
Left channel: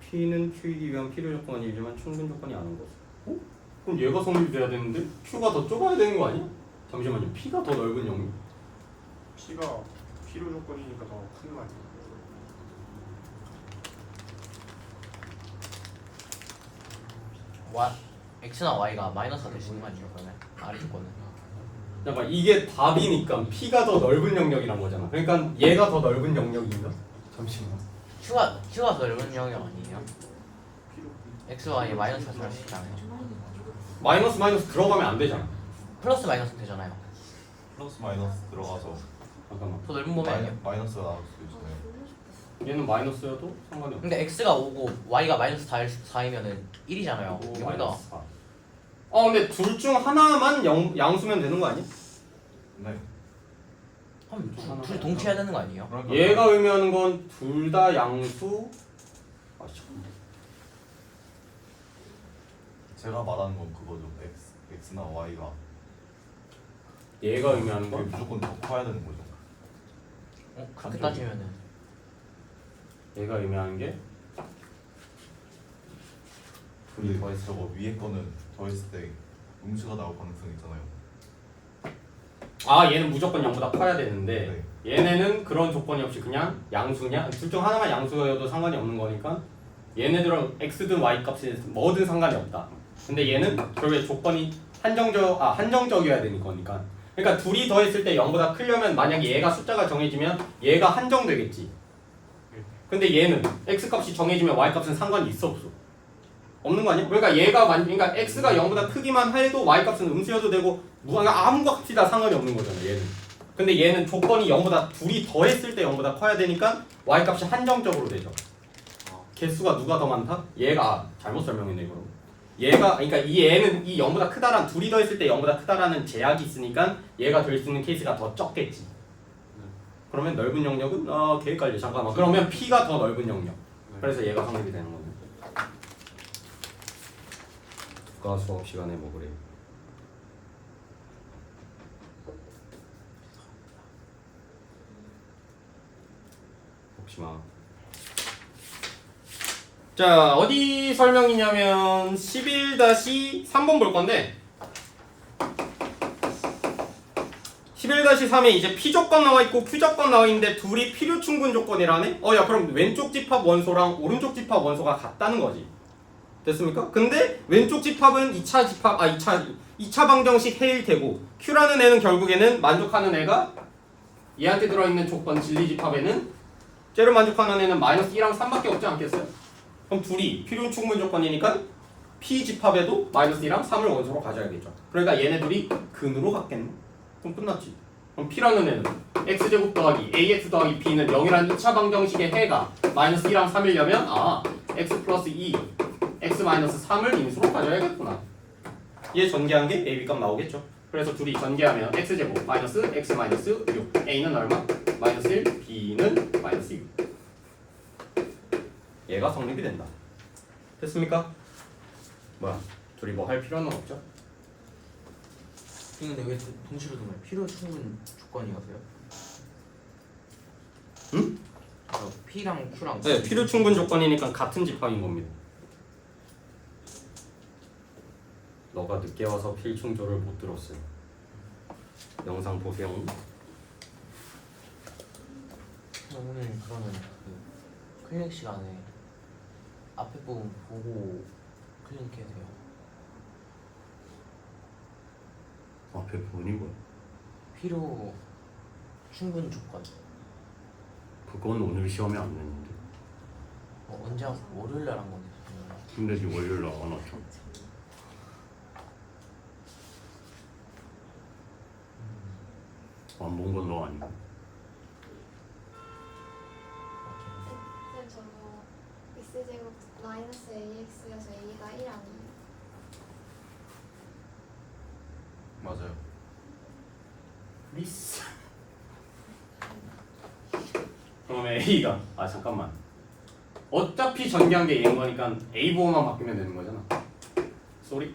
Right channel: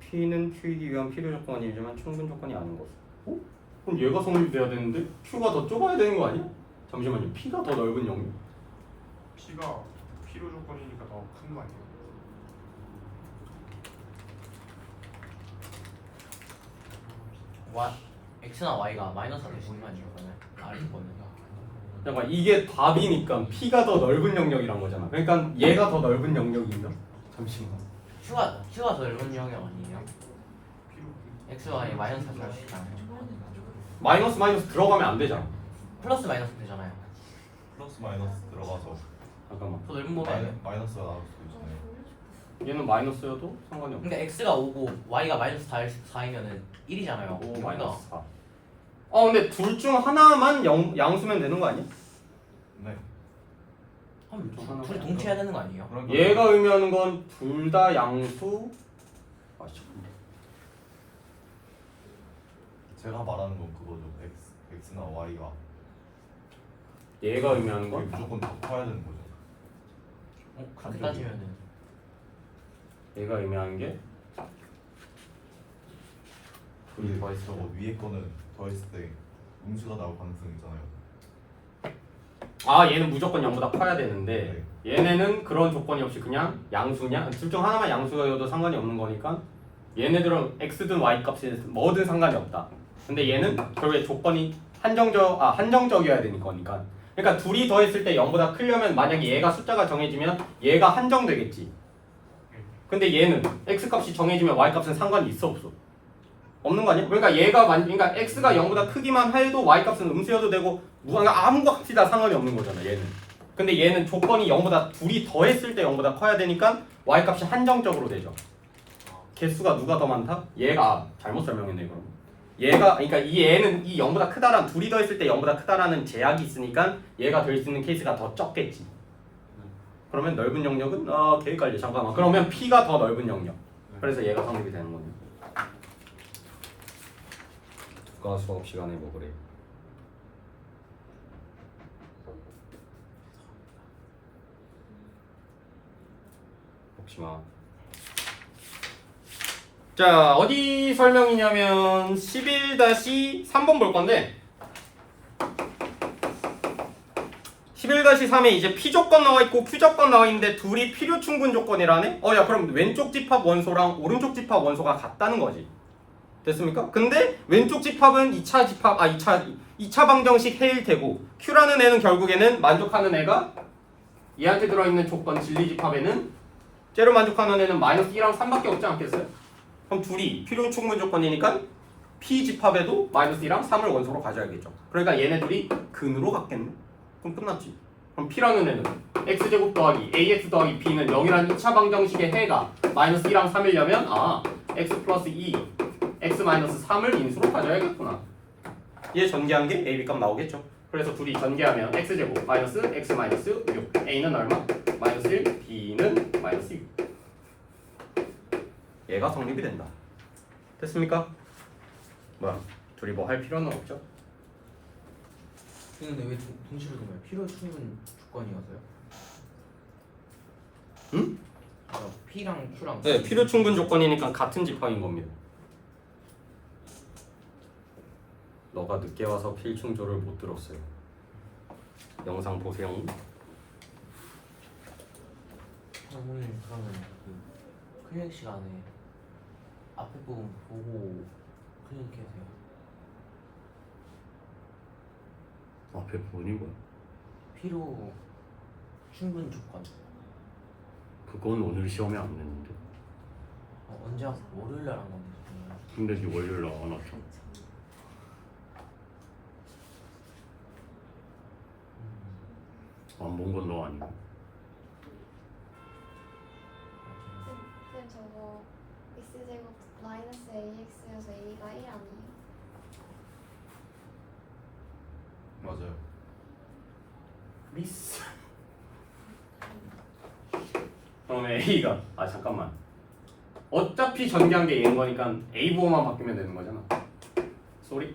P는 Q이기 위한 필요 조건이지만 충분 조건이 아닌 것. 어? 그럼 얘가 성립돼야 되는데 Q가 더 좁아야 되는 거 아니야? 잠시만요. P가 더 넓은 영역. P가 필요 조건이니까 더 큰 거 아니에요? x나 y가 마이너스가 될 수 있는 거 아니에요? 그러면 R이 거는. 잠깐 이게 답이니까 P가 더 넓은 영역이란 거잖아. 그러니까 얘가 더 넓은 영역인가? 잠시만. q가 더 넓은 영역 아니에요? 필요 x, y 마이너스가 들어갈 수 있잖아요. 마이너스 들어가면 안 되잖아. 플러스 마이너스 되잖아요. 플러스 마이너스 들어가서 잠깐만. 더 넓은 범위 아니에요? 마이너스가 나올 수 있잖아요. 얘는 마이너스여도 상관이 없어. 근데 x가 5고 y가 마이너스 4이면은 1이잖아요. 오 마이너스 4. 근데 둘 중 하나만 양수면 되는 거 아니야? 네. 둘 동시에 해야 되는 거 아니에요? 그러니까 얘가 의미하는 건 둘 다 양수. 아 잠깐만. 제가 말하는 건 그거죠. X나 Y가 얘가 의미하는 건 무조건 더 커야 되는 거죠. 그렇게 따지면은 얘가 의미하는 게 둘이 근데 더했을 저거 때. 위에 거는 더했을 때 음수가 나올 가능성이 있잖아요. 아 얘는 무조건 0보다 커야 되는데 얘네는 그런 조건이 없이 그냥 양수냐 둘 중 하나만 양수여도 상관이 없는 거니까 얘네들은 x든 y 값이 뭐든 상관이 없다. 근데 얘는 결국에 조건이 한정적이어야 되는 거니까. 그러니까 둘이 더했을 때 0보다 크려면 만약에 얘가 숫자가 정해지면 얘가 한정되겠지. 근데 얘는 x 값이 정해지면 y 값은 상관이 있어 없어? 없는 거 아니야? 그러니까 그러니까 x가 0보다 크기만 해도 y 값은 음수여도 되고 그러니까 아무 값이 다 상관이 없는 거잖아 얘는. 근데 얘는 조건이 0보다 둘이 더했을 때 0보다 커야 되니까 y값이 한정적으로 되죠. 개수가 누가 더 많다? 얘가 잘못 설명했네 그럼. 얘가 그러니까 이 애는 이 0보다 크다란 둘이 더했을 때 0보다 크다라는 제약이 있으니까 얘가 될 수 있는 케이스가 더 적겠지. 그러면 넓은 영역은 개 헷갈려. 잠깐만. 그러면 P가 더 넓은 영역. 그래서 얘가 성립이 되는 거네. 누가 수업 시간에 뭐 그래? 혹시마. 자, 어디 설명이냐면 11-3번 볼 건데 11-3에 이제 P 조건 나와 있고 Q 조건 나와 있는데 둘이 필요 충분 조건이라네? 야, 그럼 왼쪽 집합 원소랑 오른쪽 집합 원소가 같다는 거지. 됐습니까? 근데 왼쪽 집합은 2차 집합, 2차 방정식 해일 테고 Q라는 애는 결국에는 만족하는 애가 얘한테 들어있는 조건 진리 집합에는 쟤를 만족하는 애는 -2랑 3밖에 없지 않겠어요? 그럼 둘이 필요 충분 조건이니까 P 집합에도 -2랑 3을 원소로 가져야겠죠. 그러니까 얘네들이 근으로 같겠네. 그럼 끝났지. 그럼 P라는 애는 x제곱 더하기 ax 더하기 b는 0이라는 2차 방정식의 해가 -2랑 3이려면 x 플러스 2 x 마이너스 3을 인수로 가져야겠구나. 얘 전개한 게 a, b 값 나오겠죠. 그래서 둘이 전개하면 x제곱 마이너스 x 마이너스 6 a는 얼마? -1 b는 -6 얘가 성립이 된다. 됐습니까? 뭐야? 둘이 뭐 할 필요는 없죠? 근데 왜 동시로 두면 필요 충분 조건이었어요? 응? P랑 Q랑 네, 필요 충분 조건이니까 같은 집합인 겁니다. 너가 늦게 와서 필충조를 못 들었어요. 영상 보세요. 오늘 그러면 그 클릭 시간에 앞에 부분 보고 클릭해야 돼요. 앞에 부분이 뭐야? 필요 충분 조건. 그건 오늘 시험에 안 냈는데. 언제 왔어? 월요일날 한 건데. 근데 네 월요일 날 안 왔잖아. 안 본 건 너 아니고. 쌤 저거 x제곱 마이너스 ax여서 a가 1 아니에요? 맞아요. 미스. 그러면 A가 잠깐만. 어차피 전개한 게 얘인 거니까 A 부호만 바뀌면 되는 거잖아. 쏘리.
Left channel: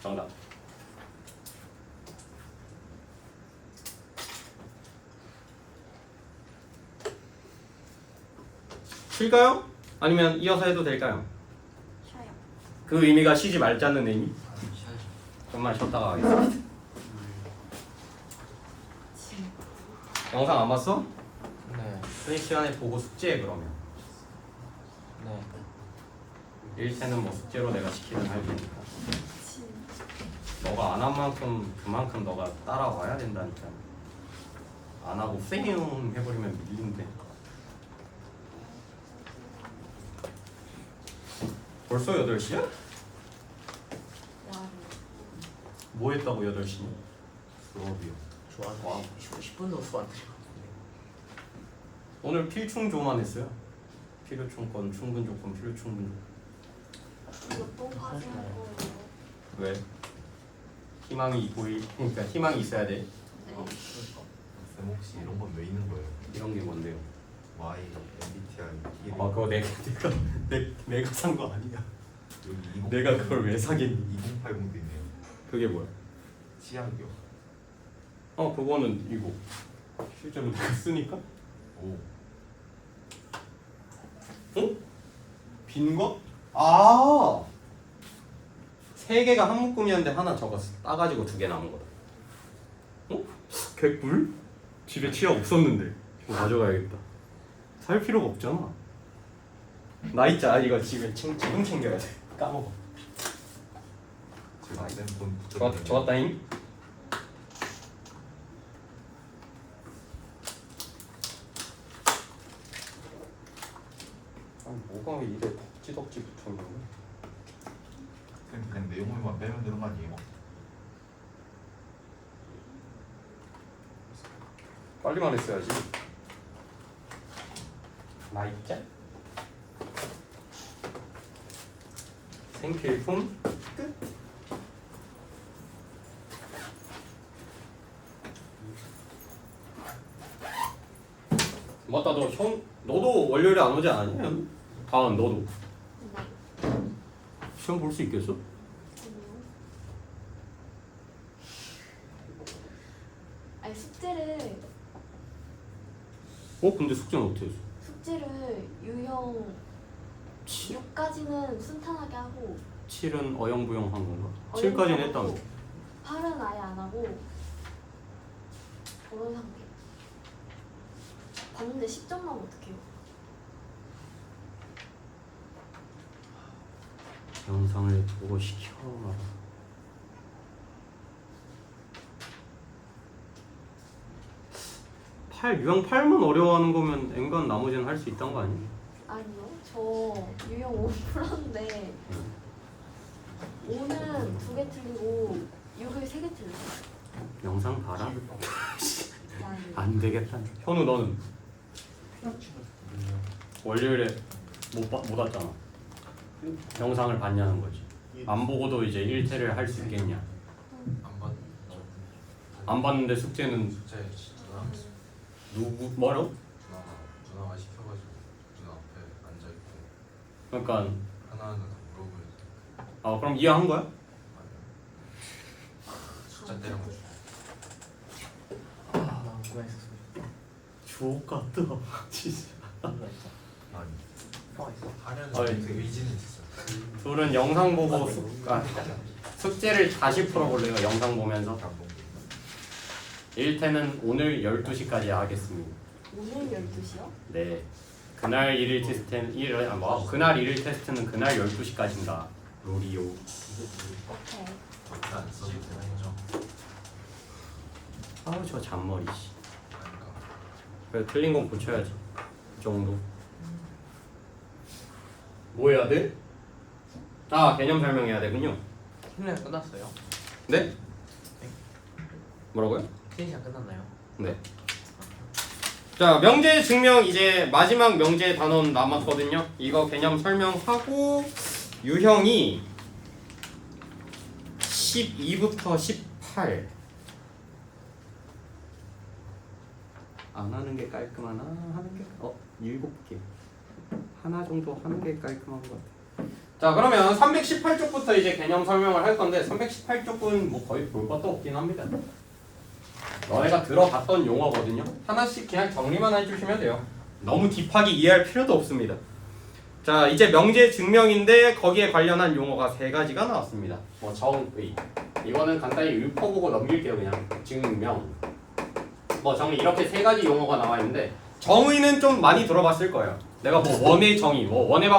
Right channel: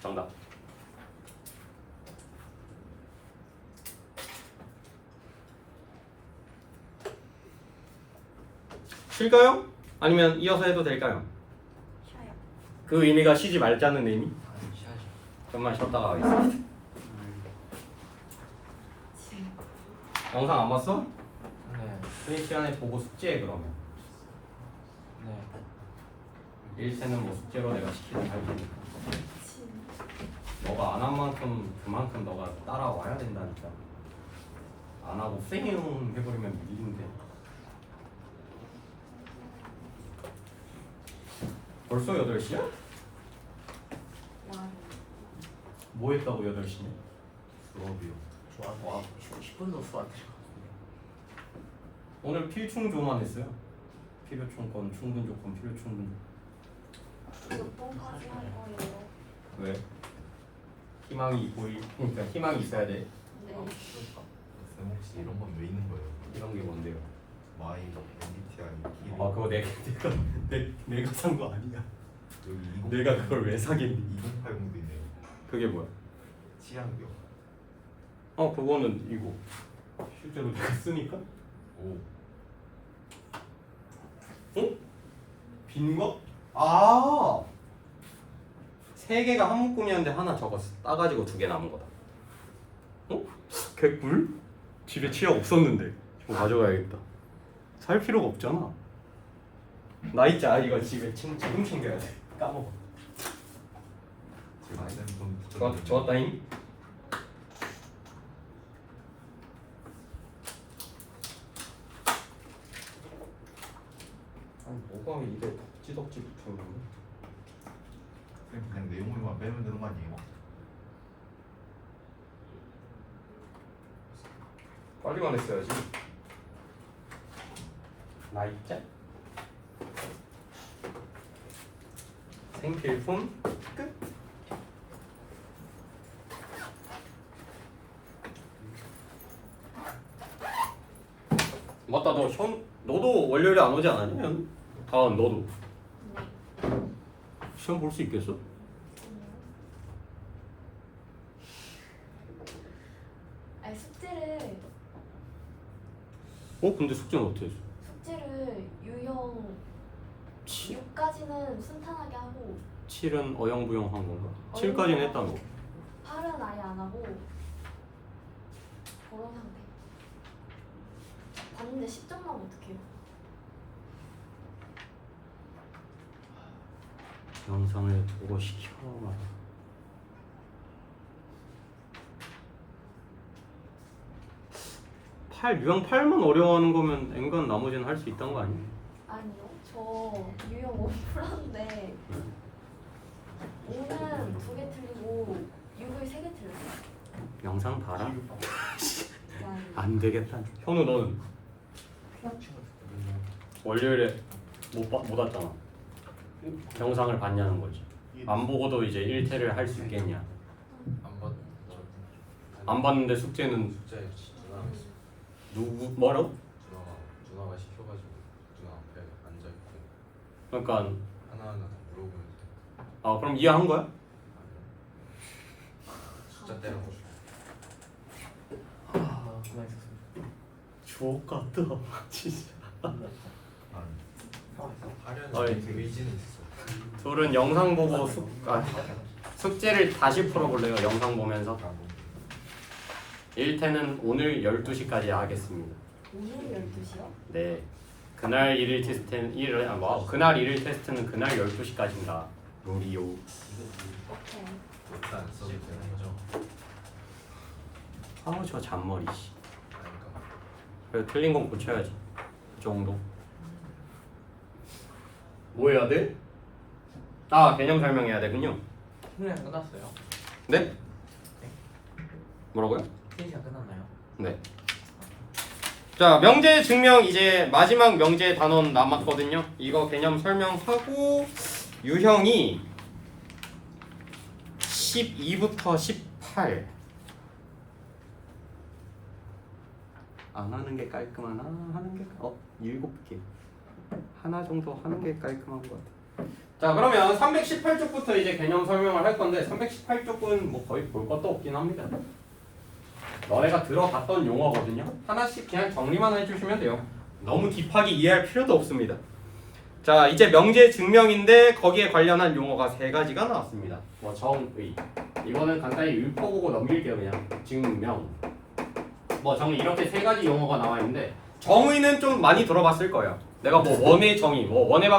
정답. 쉴까요? 아니면 이어서 해도 될까요? 쉬어요. 그 의미가 쉬지 말자는 의미? 쉬어야죠. 좀만 쉬었다가 가겠습니다. 영상 안 봤어? 네. 이 시간에 보고 숙제해 그러면. 네. 1세는 뭐 숙제로 내가 시키면 할 테니까. 너가 안 한 만큼 그만큼 너가 따라와야 된다니까. 안 하고 쌩 해버리면 밀린대. 벌써 8시야? 와. 뭐 했다고 8시냐? 수업이요. 좋아. 10분도 수학. 오늘 필충조만 했어요. 필요충건, 충분조건, 필요충분. 몇 번까지 할 거예요? 왜? 희망이 보일 그러니까 희망이 있어야 돼. 네. 쌤 혹시 이런 건 왜 있는 거예요? 이런 게 뭔데요? Y, MBTI, 그거 내가 산 거 아니야. 여기 내가 그걸 왜 사겠니? 2080도 있네요. 그게 뭐야? 취향이요. 그거는 이거 실제로 내가 쓰니까? 오. 빈 거? 아! 3개가 한 묶음이었는데 하나 저거 따가지고 2개 남은 거다. 개꿀? 집에 치약 없었는데 저거 가져가야겠다. 살 필요가 없잖아. 나 있자. 이거 집에 지금 챙겨야 돼. 까먹어. 제가 이런 돈 좋았다잉. 뭐가 이래 덕지덕지 붙었냐? 그냥 내용물만 빼면 되는 거 아니에요? 빨리만 했어야지. 나 있자. 생필품 끝. 맞다, 너도 월요일에 안 오지 않았냐? 다은 너도 시험 볼 수 있겠어? 아니 숙제를 근데 숙제는 어떻게 했어? 유형 6까지는 순탄하게 하고 7은 어영부영 한 건가? 7까지는 했다며. 8은 아예 안 하고 그런 상태. 봤는데 10점만 어떡해요? 영상을 보고 시켜라. 유형 8만 어려워하는 거면 N간 나머지는 할 수 있다는 거 아니야? 아니요, 저 유형 5 풀었는데 5는 2개 틀리고 6을 3개 틀렸어요. 영상 봐라. 와, 안 되겠다. 현우 너는 월요일에 못 왔잖아. 영상을 봤냐는 거지. 안 보고도 이제 1태를 할 수 있겠냐? 안 봤는데 숙제는 숙제 누나가 했어. 누구 뭐라고? 누나가 시켜가지고 누나 앞에 앉아 있고 그러니까 하나하나 다 물어보니까 그럼 이해한 거야? 숫자 때려가지고 주옥 같다. 진짜. 하려는 어이. 그 의지는 있었어. 둘은 영상 보고 숙제를 다시 풀어볼래요? 영상 보면서. 1태는 오늘 12시까지 하겠습니다. 오늘 12시요? 네. 그날 일일 테스트는 그날 일일 테스트는 그날 12시까지인가. 룰이요. 오케이. 절대 안 써도 되는 거죠. 아우 저 잔머리 씨. 그러니까 그래 틀린 건 고쳐야지. 이 정도. 뭐 해야 돼? 개념 설명해야 되군요. 훈련 끝났어요? 네? 뭐라고요? 3시간 끝났나요? 네. 자, 명제 증명 이제 마지막 명제 단원 남았거든요. 이거 개념 설명하고 유형이 12부터 18. 안 하는 게 깔끔하나? 하는 게 7개. 하나 정도 하는 게 깔끔한 것 같아. 자, 그러면 318쪽부터 이제 개념 설명을 할 건데 318쪽은 뭐 거의 볼 것도 없긴 합니다. 너네가 들어봤던 용어거든요. 하나씩 그냥 정리만 해주시면 돼요. 너무 딥하게 이해할 필요도 없습니다. 자, 이제 명제 증명인데 거기에 관련한 용어가 3가지가 나왔습니다. 뭐 정의, 이거는 간단히 읊어보고 넘길게요. 그냥 증명, 뭐 정의, 이렇게 3가지 용어가 나와 있는데 정의는 좀 많이 들어봤을 거예요. 내가 뭐 원의 정의, 뭐 원의 방